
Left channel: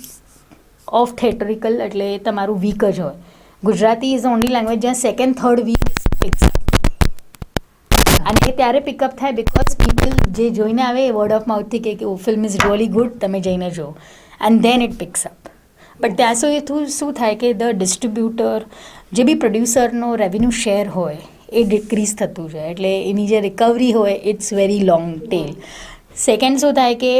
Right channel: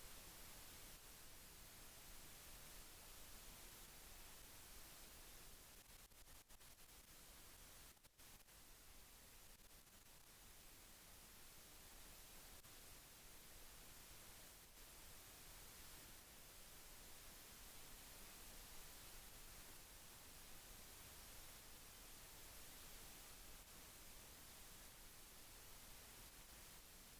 of theatrical એટલે તમારું વીક જ હોય. ગુજરાતી ઇઝ ઓનલી લેંગ્વેજ જ્યાં સેકન્ડ થર્ડ વીક પિક્સ અને એ ત્યારે પિકઅપ થાય બિકોઝ પીપલ જે જોઈને આવે એ વર્ડ ઓફ માઉથથી કે ઓ ફિલ્મ ઇઝ રિયલી ગુડ તમે જઈને જુઓ and then it picks up. But ત્યાં સુધી શું થાય કે ધ ડિસ્ટ્રીબ્યુટર જે બી પ્રોડ્યુસરનો રેવન્યુ શેર હોય એ ડિક્રીઝ થતું જાય એટલે એની જે રિકવરી હોય it's very long tail. Second શું થાય કે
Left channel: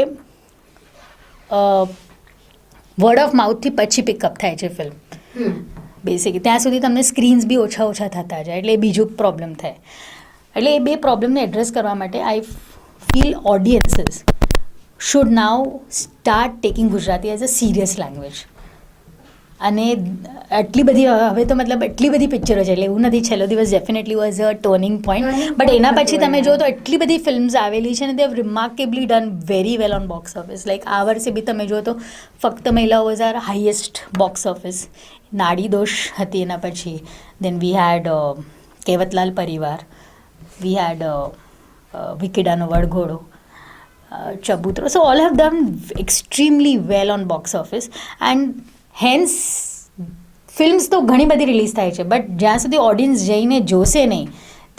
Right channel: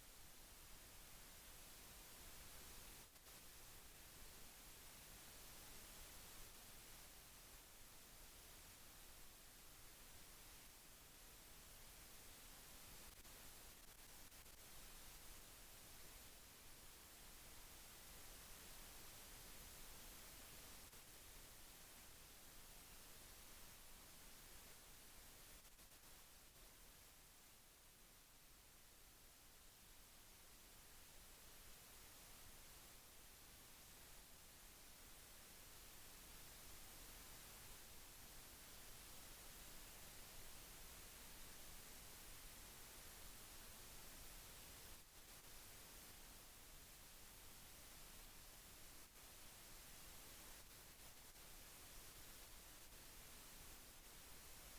વર્ડ ઓફ માઉથથી પછી પિકઅપ થાય છે ફિલ્મ બેસિકલી. ત્યાં સુધી તમને સ્ક્રીન્સ બી ઓછા થતા જાય એટલે એ બીજો પ્રોબ્લેમ થાય. એટલે એ બે પ્રોબ્લેમને એડ્રેસ કરવા માટે I feel ઓડિયન્સીસ should now start taking Gujarati as a serious language. અને આટલી બધી હવે તો મતલબ એટલી બધી પિક્ચરો છે એટલે એવું નથી છેલ્લો દિવસ definitely was a turning point but એના પછી તમે જો તો એટલી બધી ફિલ્મ્સ આવેલી છે ને they have remarkably done very well on box office like આ વર્ષે બી તમે જો તો Fakt Mahila was our highest box office Naadi Dosh હતી એના પછી દેન વી had Kevatlal Parivar we had Vickidano વડઘોડો Chabutro so all have done extremely well on box office and hence films તો ઘણી બધી રિલીઝ થાય છે બટ જ્યાં સુધી ઓડિયન્સ જઈને જોશે નહીં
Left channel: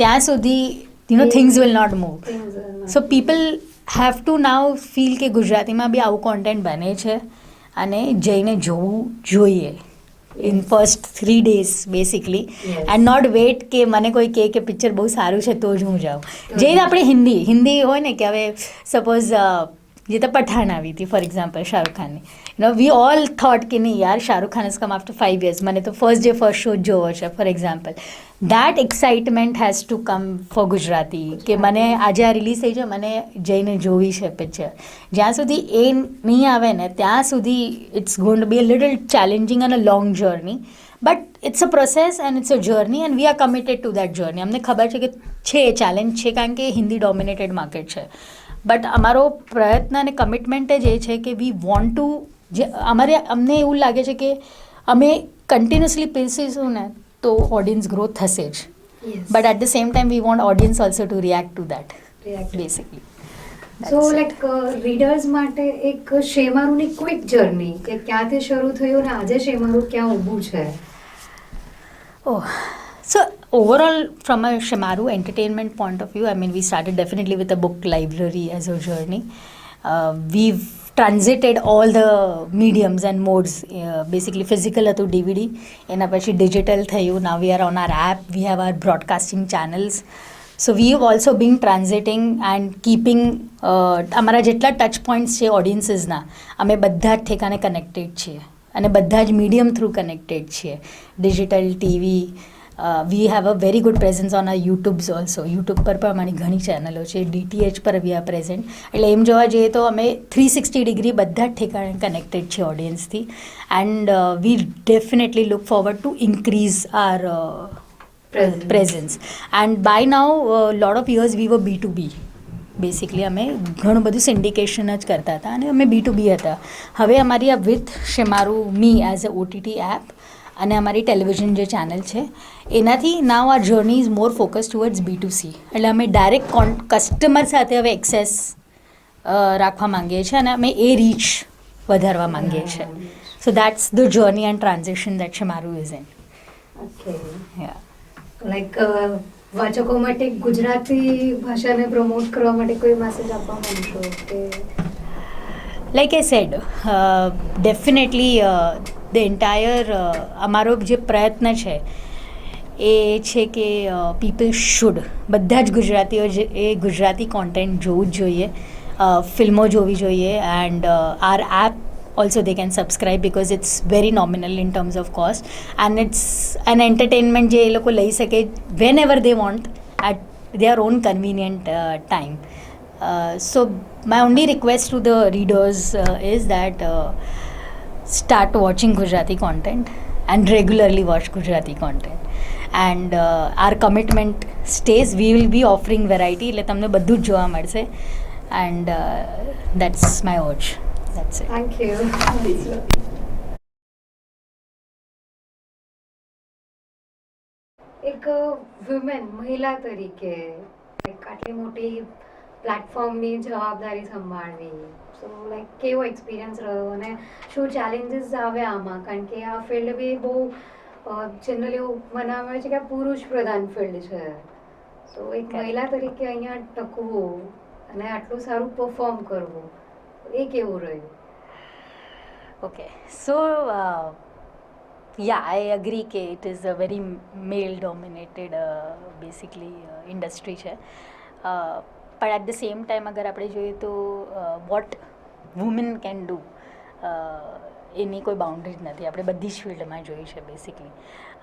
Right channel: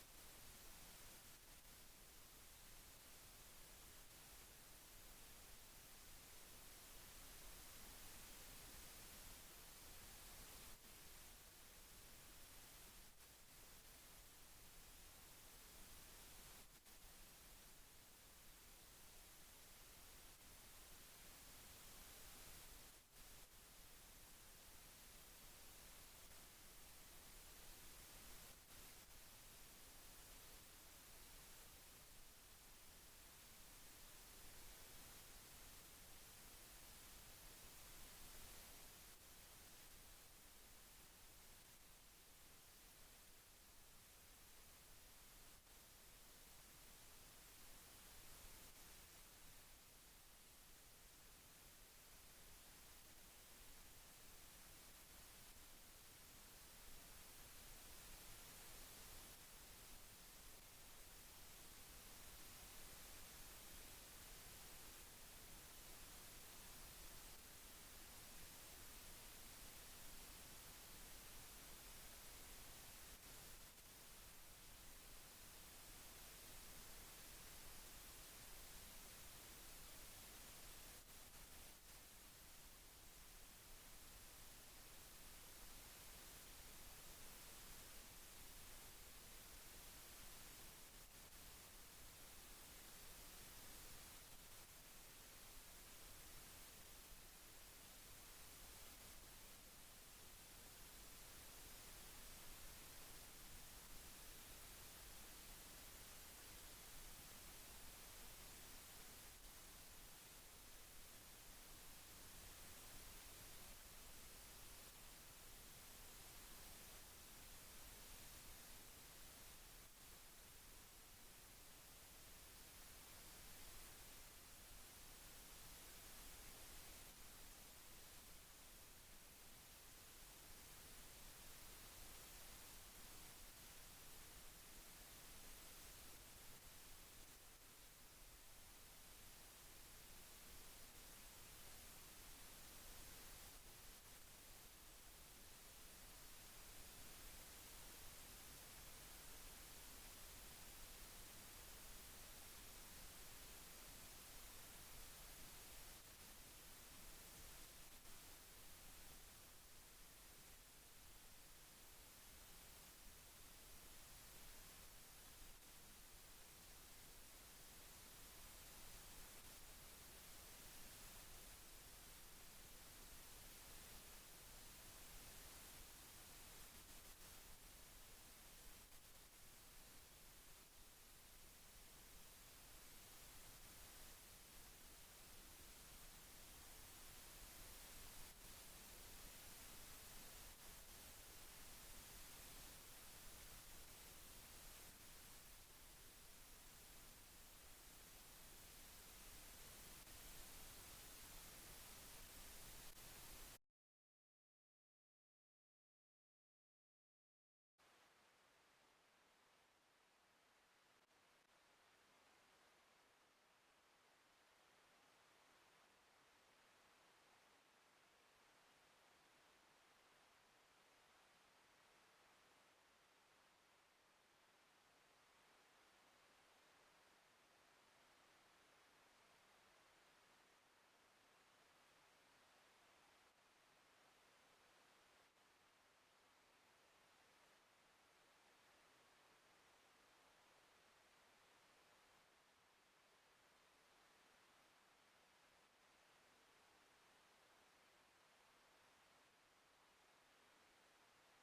ત્યાં સુધી things will not move so people have to now feel કે ગુજરાતીમાં બી આવું કોન્ટેન્ટ બને છે અને જઈને જોવું જોઈએ in first 3 days basically and not wait કે મને કોઈ કે પિક્ચર બહુ સારું છે તો જ હું જાઉં જઈને આપણે હિન્દી હોય ને કે હવે સપોઝ જે તો પઠાણ આવી હતી ફોર એક્ઝામ્પલ શાહરુખ ખાનની વી ઓલ થોટ કે નહીં યાર Shahrukh Khan is come after 5 years મને તો ફર્સ્ટ શો જ જોવો છે for example that excitement has to come for Gujarati કે મને આજે આ રિલીઝ થઈ છે મને જઈને જોવી છે પિક્ચર જ્યાં સુધી એ નહીં આવે ને ત્યાં સુધી it's going to be a little challenging and a long journey but it's a process and it's a journey and we are committed to that journey અમને ખબર છે કે છે ચેલેન્જ છે કારણ કે હિન્દી ડોમિનેટેડ માર્કેટ છે બટ અમારો પ્રયત્ન અને કમિટમેન્ટ જ એ છે કે વી વોન્ટ ટુ જે અમને એવું લાગે છે કે અમે કન્ટિન્યુઅસલી પીરસીશું ને તો ઓડિયન્સ ગ્રો થશે જ but at the same time we want audience also to react to that basically so like readers માટે એક શેમારુની ક્વિક જર્ની કે ક્યાંથી શરૂ થયું ને આજે શેમારુ ક્યાં ઊભું છે Oh, so overall, from a Shemaru entertainment point of view, I mean, we started definitely with a book library as a journey. We've transited all the mediums and modes, basically physical to DVD, and પછી digital થયું. Now we are on our app, we have our broadcasting channels. So we have also been transiting and keeping અમારા જેટલા touch points છે ઓડિયન્સીસના અમે બધા જ ઠેકાને connected છીએ અને બધા જ મીડિયમ થ્રુ કનેક્ટેડ છીએ digital TV we have a very good presence on a YouTubes also YouTube પર પણ અમારી ઘણી ચેનલો છે DTH પર વી આર પ્રેઝન્ટ એટલે એમ જોવા જઈએ તો અમે 360 ડિગ્રી બધા જ ઠેકાણે કનેક્ટેડ છે ઓડિયન્સથી and we definitely look forward to increase our presence and by now lot of years we were B2B basically અમે ઘણું બધું સિન્ડિકેશન જ કરતા હતા અને અમે B2B હતા હવે અમારી આ with Shemaroo Me as a OTT app અને અમારી ટેલિવિઝન જે ચેનલ છે એનાથી નાવ આ journey is more focus towards B2C એટલે અમે ડાયરેક્ટ કસ્ટમર સાથે હવે એક્સેસ રાખવા માંગીએ છીએ અને અમે એ રીચ વધારવા માંગીએ છીએ so that's the journey and transaction that Shemaroo is in okay yeah like વાચકો માટે ગુજરાતી ભાષાને પ્રમોટ કરવા માટે કોઈ મેસેજ આપવા માંગશો કે like I said, definitely the entire અમારો જે પ્રયત્ન છે એ છે કે પીપલ શુડ બધા જ ગુજરાતીઓ એ ગુજરાતી કોન્ટેન્ટ જોવું જ જોઈએ ફિલ્મો જોવી જોઈએ and our app also they can subscribe because it's very nominal in terms of cost and it's an entertainment જે એ લોકો લઈ શકે whenever they want at their own convenient time. So my only request to the readers is that start watching Gujarati content and regularly watch Gujarati content and our commitment stays. We will be offering variety એટલે તમને બધું જ જોવા મળશે and that's my urge. That's it. Thank you એક women મહિલા તરીકે like આટલી મોટી પ્લેટફોર્મની જવાબદારી સંભાળવી સો લાઈક કેવો એક્સપિરિયન્સ રહ્યો અને શું ચેલેન્જીસ આવે આમાં કારણ કે આ ફિલ્ડ બી બહુ જનરલી એવું મનાવે છે કે આ પુરુષ પ્રધાન ફિલ્ડ છે સો એક મહિલા તરીકે અહીંયા ટકવું અને આટલું સારું પરફોર્મ કરવું એ કેવું રહ્યું Okay, so yeah, I agree કે it is a very male dominated basically industry છે પણ at the same time અગર આપણે જોઈએ તો what women can do એની કોઈ બાઉન્ડ્રીઝ નથી આપણે બધી જ ફિલ્ડમાં જોઈ છે બેસિકલી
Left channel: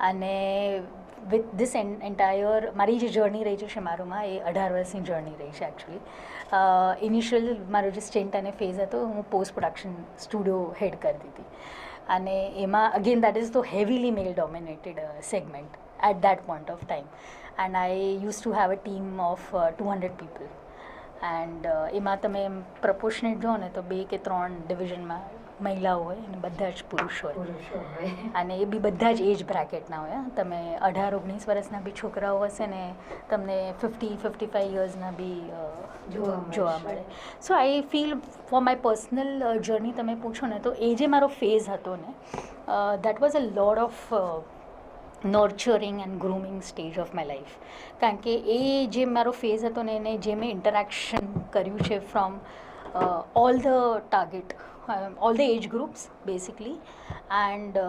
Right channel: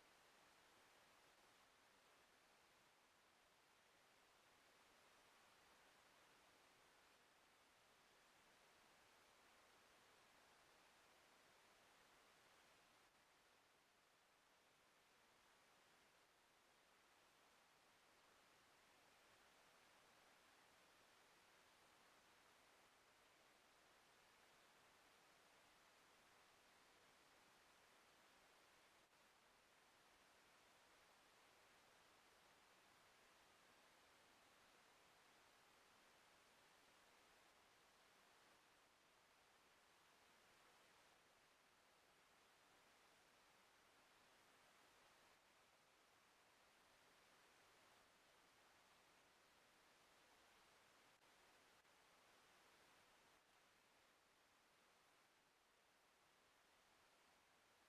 અને વિથ ધીસ એન્ટાયર મારી જે જર્ની રહી છે શેમારુમાં એ 18 વર્ષની જર્ની રહી છે એકચ્યુઅલી. ઇનિશિયલ મારો જે સ્ટેન્ટ અને ફેઝ હતો હું પોસ્ટ પ્રોડક્શન સ્ટુડિયો હેડ કરતી હતી અને એમાં again that is the heavily male dominated segment at that point of time and I use to have a team of 200 people and એમાં તમે પ્રપોર્શનેટ જો ને તો 2 કે 3 ડિવિઝનમાં મહિલાઓ હોય અને બધા જ પુરુષ હોય અને એ બી બધા જ એજ બ્રેકેટના હોય. તમે 18-19 વર્ષના બી છોકરાઓ હશે ને તમને 50-55 યર્સના બી જોવા મળે. So I feel for my personal journey તમે પૂછો ને તો એ જે મારો ફેઝ હતો ને that was a load of nurturing and grooming stage of my life. કારણ કે એ જે મારો ફેઝ હતો ને એને જે મેં ઇન્ટરેક્શન કર્યું છે from all the target all the age groups basically and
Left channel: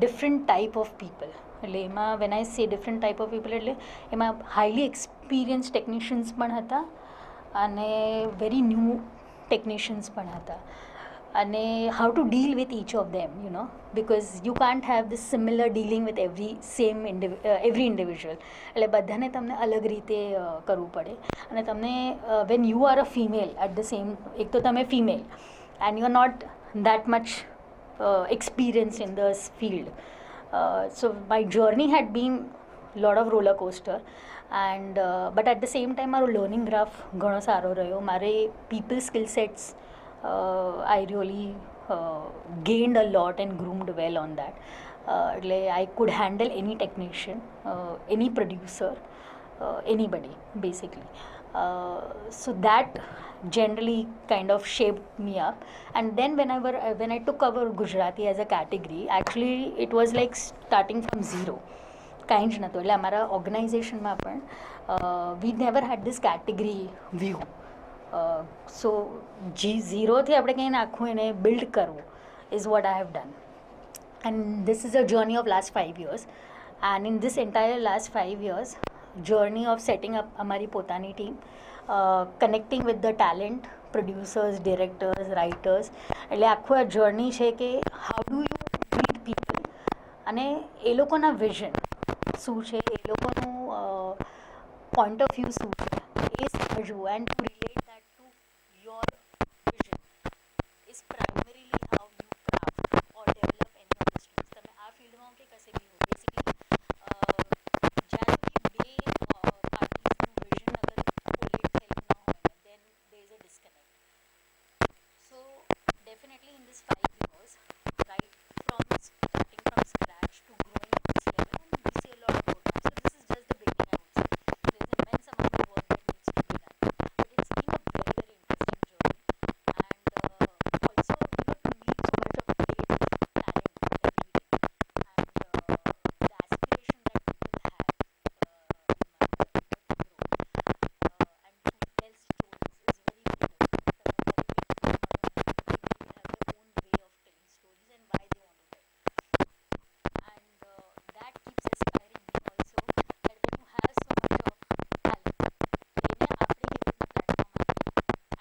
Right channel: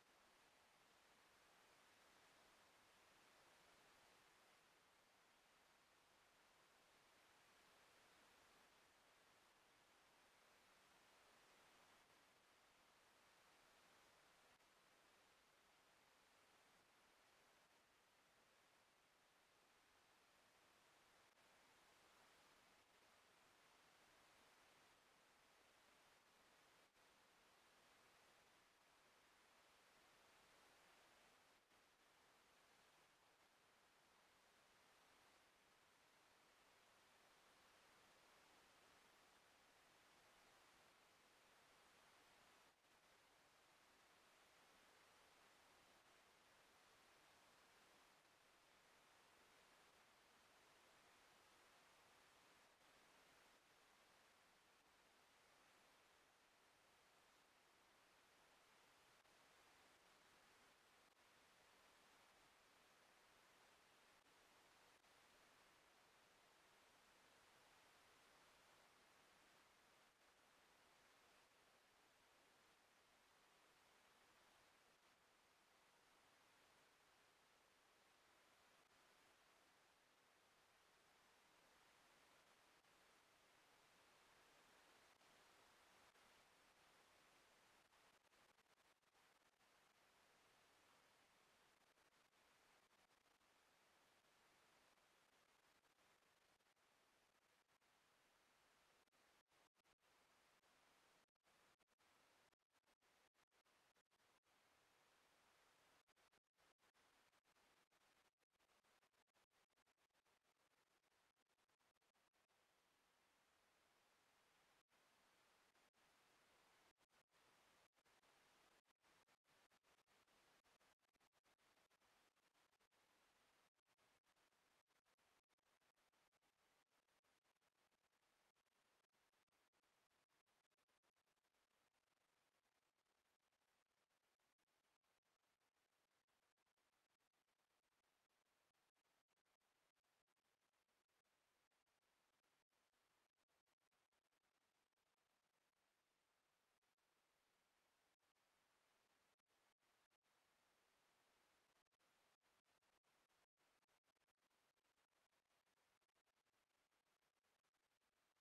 different type of people. એટલે એમાં વેન આઈ સે ડિફરન્ટ ટાઈપ ઓફ પીપલ એટલે એમાં હાઈલી એક્સપિરિયન્સ ટેકનિશિયન્સ પણ હતા અને વેરી ન્યૂ ટેકનિશિયન્સ પણ હતા અને how to deal with each of them because you can't have this similar dealing with every individual. એટલે બધાને તમને અલગ રીતે કરવું પડે અને તમને when you are a female at the same એક તો તમે female and you are not that much experienced in this field. So my journey had been lot of roller coaster and but at the same time મારો learning graph ઘણો સારો રહ્યો. મારે people skill sets I really gained a lot and groomed well on that. એટલે I could handle any technician, any producer, anybody basically. So that generally kind of shaped me up. And then when I took over Gujarati as a category, actually it was like starting from zero. કાંઈ જ નહોતું. એટલે અમારા ઓર્ગેનાઇઝેશનમાં પણ we never had this category view. So ઝીરોથી આપણે કંઈ નાખવું એને બિલ્ડ કરવું is what I have done. And this is a journey of last 5 years. And in this entire last 5 years, journey of setting up amari potani team, connecting with the talent, producers, directors, writers. એટલે આખું આ journey છે કે how do you meet people અને એ લોકોના vision શું છે, એ લોકોનું પોઈન્ટ ઓફ વ્યૂ શું છે એ સમજવું and to relate that to your vision is primarily how you craft or develop any of the streams. તમે આ ફિલ્ડમાં કે કશે બી હો બેસિકલી જ્યાં સુધી બે પાર્ટીઝનું વિઝન અગર કોલેટ થયેલું ના હોય ને then there is a disconnect. So definitely in this 5 years, right from starting from scratch to growing to this level, and we see a lot of programs. So this is just the beginning, I would say. There's immense amount of work that needs to be done, but it's been a very very interesting journey, and also to meet so much of great talent every day, and the aspiration that people have in my to grow and to tell stories is very important. And that keeps inspiring me also that when you have so much of talent એને આપણે કેવી રીતે platform આપીએ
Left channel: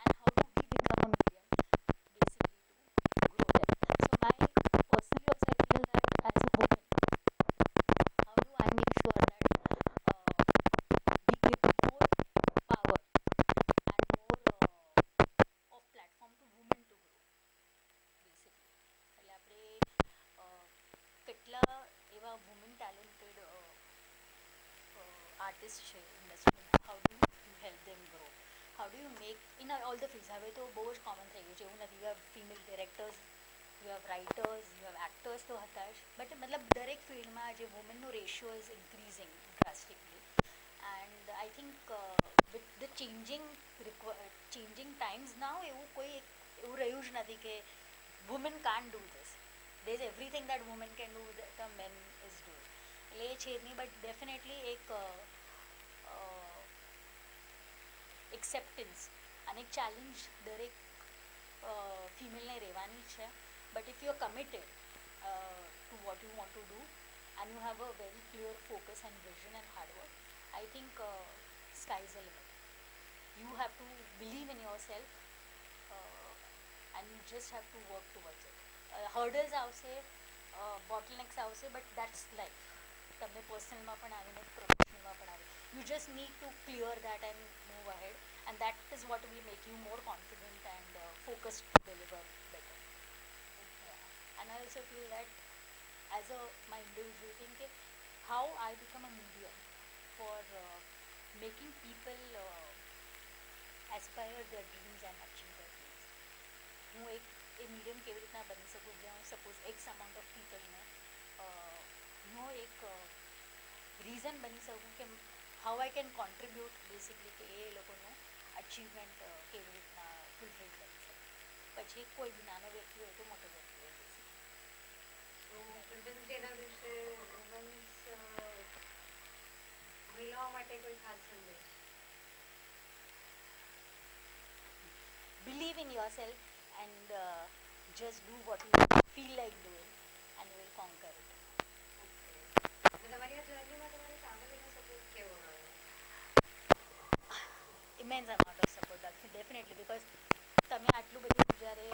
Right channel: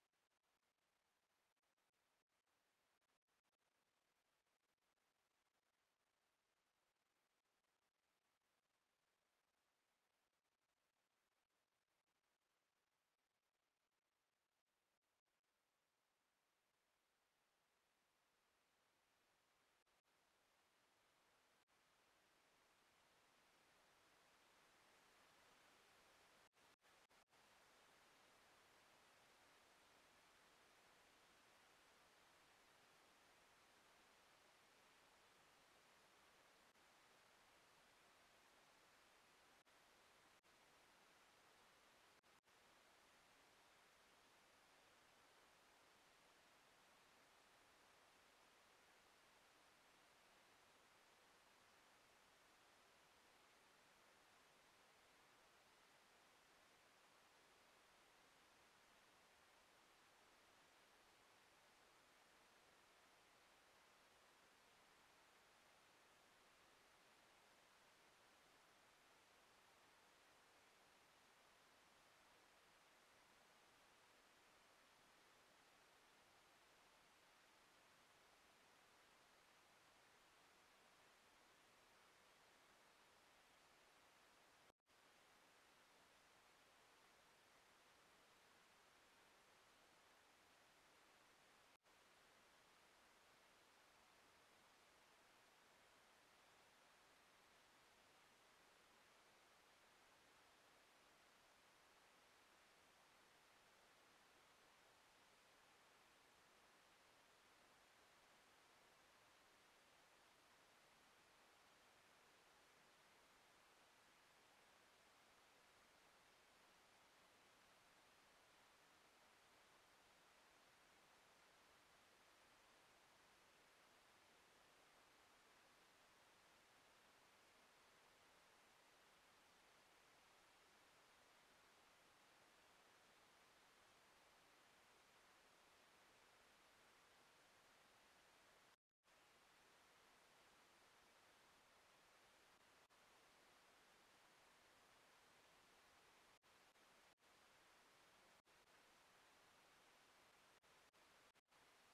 and how do we become a medium basically to grow them. So my personally also I feel that as a woman how do I make sure that we give more power and more of platform to women to grow basically. એટલે આપણે કેટલા એવા woman talented artist છે ઇન્ડસ્ટ્રીમાં, how do you help them grow, how do you make in all the fields. હવે તો બહુ જ કોમન થઈ ગયું છે, એવું નથી. You have female directors, you have writers, you have actors તો હતા જ, બટ મતલબ દરેક ફિલ્ડમાં જે વુમેનનો ratio is increasing drastically. And I think with the changing times now એવું કોઈ એવું રહ્યું જ નથી કે women can't do this. There's everything that women can do that a men is doing. એટલે એ છે જ નહીં, બટ ડેફિનેટલી એક એક્સેપ્ટન્સ અને એક ચેલેન્જ દરેક ફિમેલને રહેવાની જ છે. But if you are committed two what you want to do and you have a very clear focus and vision and hard work, I think sky is the limit. You have to believe in yourself and you just have to work towards it. Hurdles આવશે, bottlenecks આવશે, but that's life. તમને પર્સનલમાં પણ આવે ને પ્રોફેશનલમાં પણ આવે. You just need to clear that and move ahead, and that is what will make you more confident and focused to deliver better. And I also feel that as a my individual thing કે how I become a medium for making people aspire their dreams and achieve their dreams. હું એક એ medium કેવી રીતના બની શકું જ્યાં suppose x amount of પીપલને હું એક રીઝન બની શકું કે how I can contribute basically કે એ લોકોનું અચીવમેન્ટ કેવી રીતના ફૂલફિલ કરી શકે. પછી કોઈ બી નાનો વ્યક્તિ હોય તો મોટો વ્યક્તિ હોય બેસિકલી. તો ચિલ્ડ્રન્સ ડેના દિવસે મહિલાઓ માટે કોઈ ખાસ સંદેશ? Believe in yourself and just do what you feel like doing and you will conquer it. Okay. તમારી આ જર્નીમાં તમારી ફેમિલીનો સપોર્ટ કેવો રહ્યો? Immense amount of support, definitely, because તમે આટલું બધું જ્યારે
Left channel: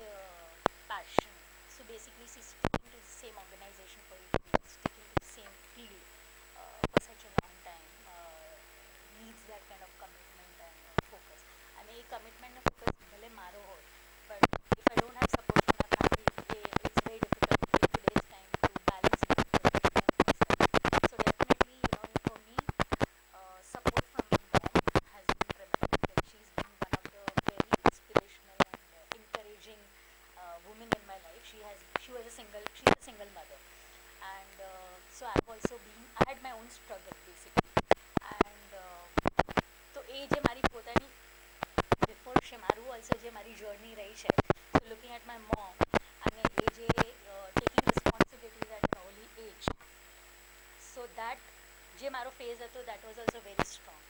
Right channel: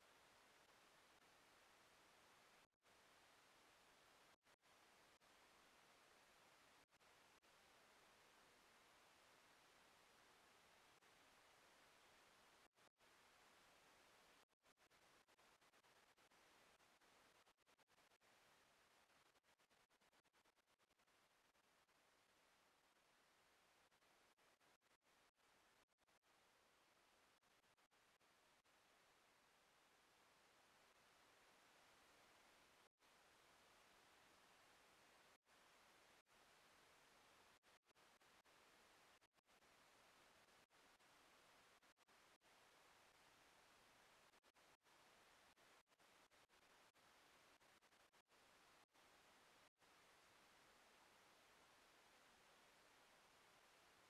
passion, so basically sticking to the same organization for you to be sticking to the same field for such a long time needs that kind of commitment and focus. અને એ commitment ને focus ભલે મારો હોય, but if I don't have support from my family, it's very difficult in today's time to balance it with everything and myself. So definitely, for me, support from my mom has been tremendous. Like, she's been one of the very inspirational and encouraging women in my life. She's a single mother, and so I had my own struggle basically, and તો એ જે મારી પોતાની before Shemaroo also જે મારી journey રહી છે, so looking at my mom અને એ જે taking responsibilities at an early age, so that જે મારો ફેઝ હતો that was also very strong.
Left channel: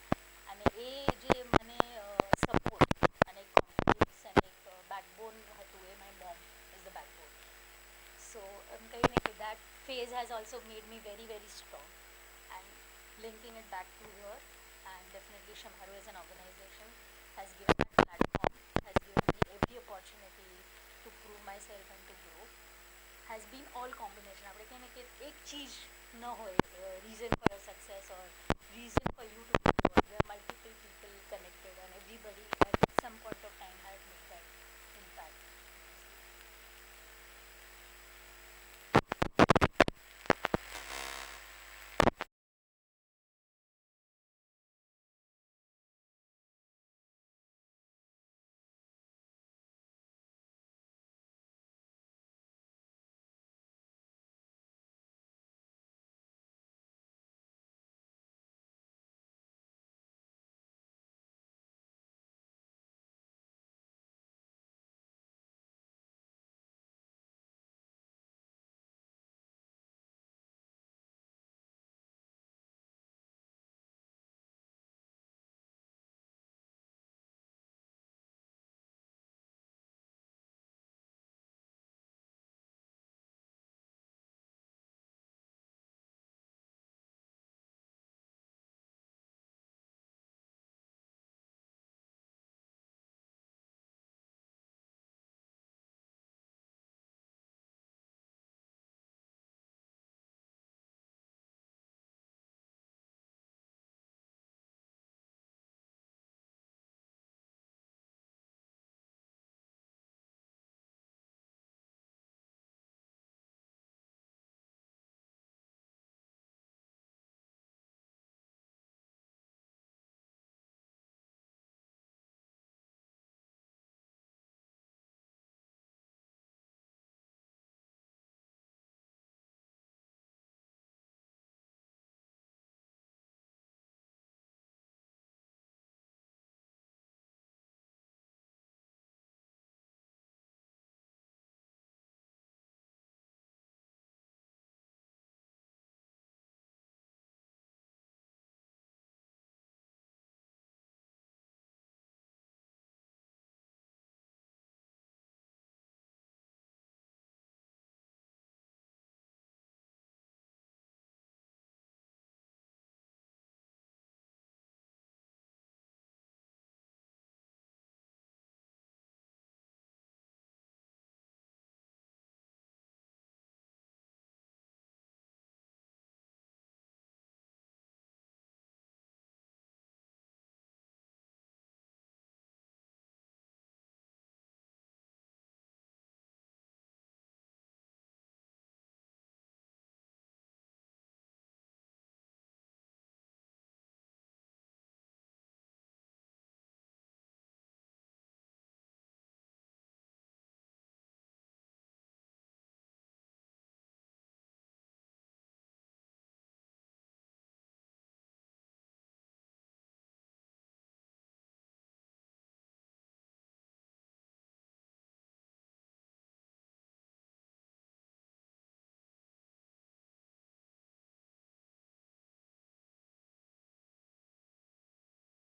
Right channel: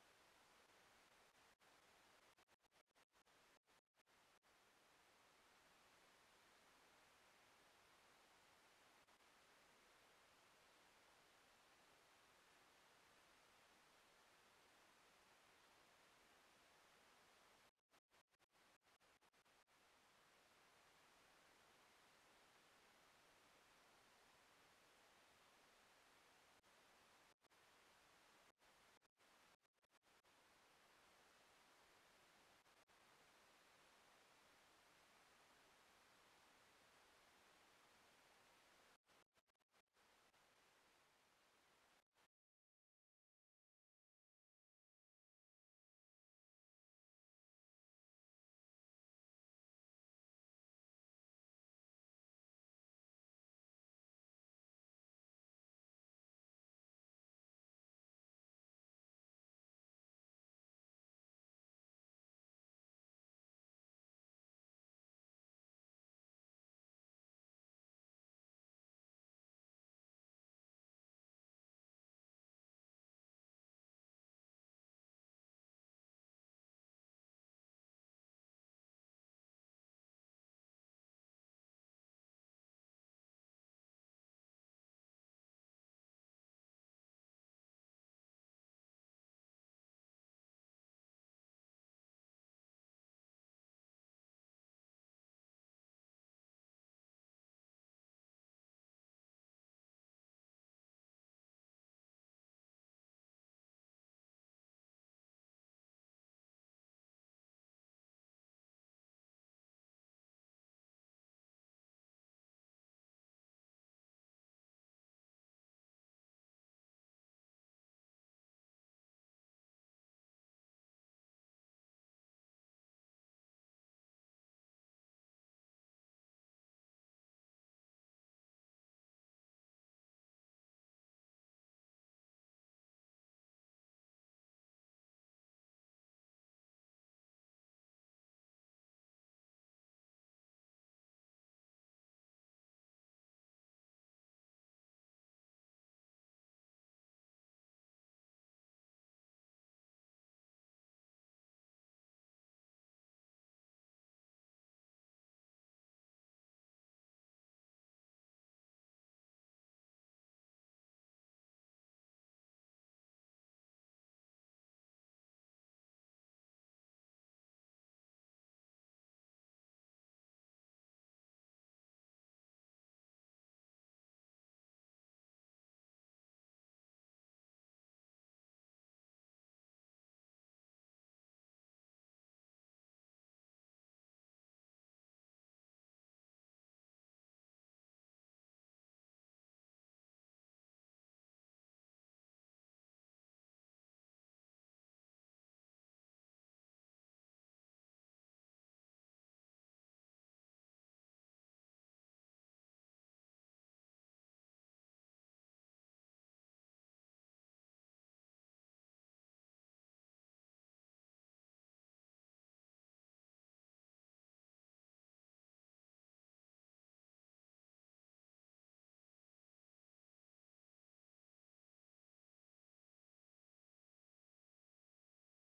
અને એ જે મને સપોર્ટ અને એક કોન્ફિડન્સ અને એક બેકબોન હતું, એ my mom is the backbone. So એમ કહીને કે that phase has also made me very very strong, and linking it back to her, and definitely Shemaru as an organization has given that platform, has given me every opportunity to prove myself and to grow, has been all combination. આપણે કહીએ ને કે એક ચીજ ન હોય reason for your success or reason for you to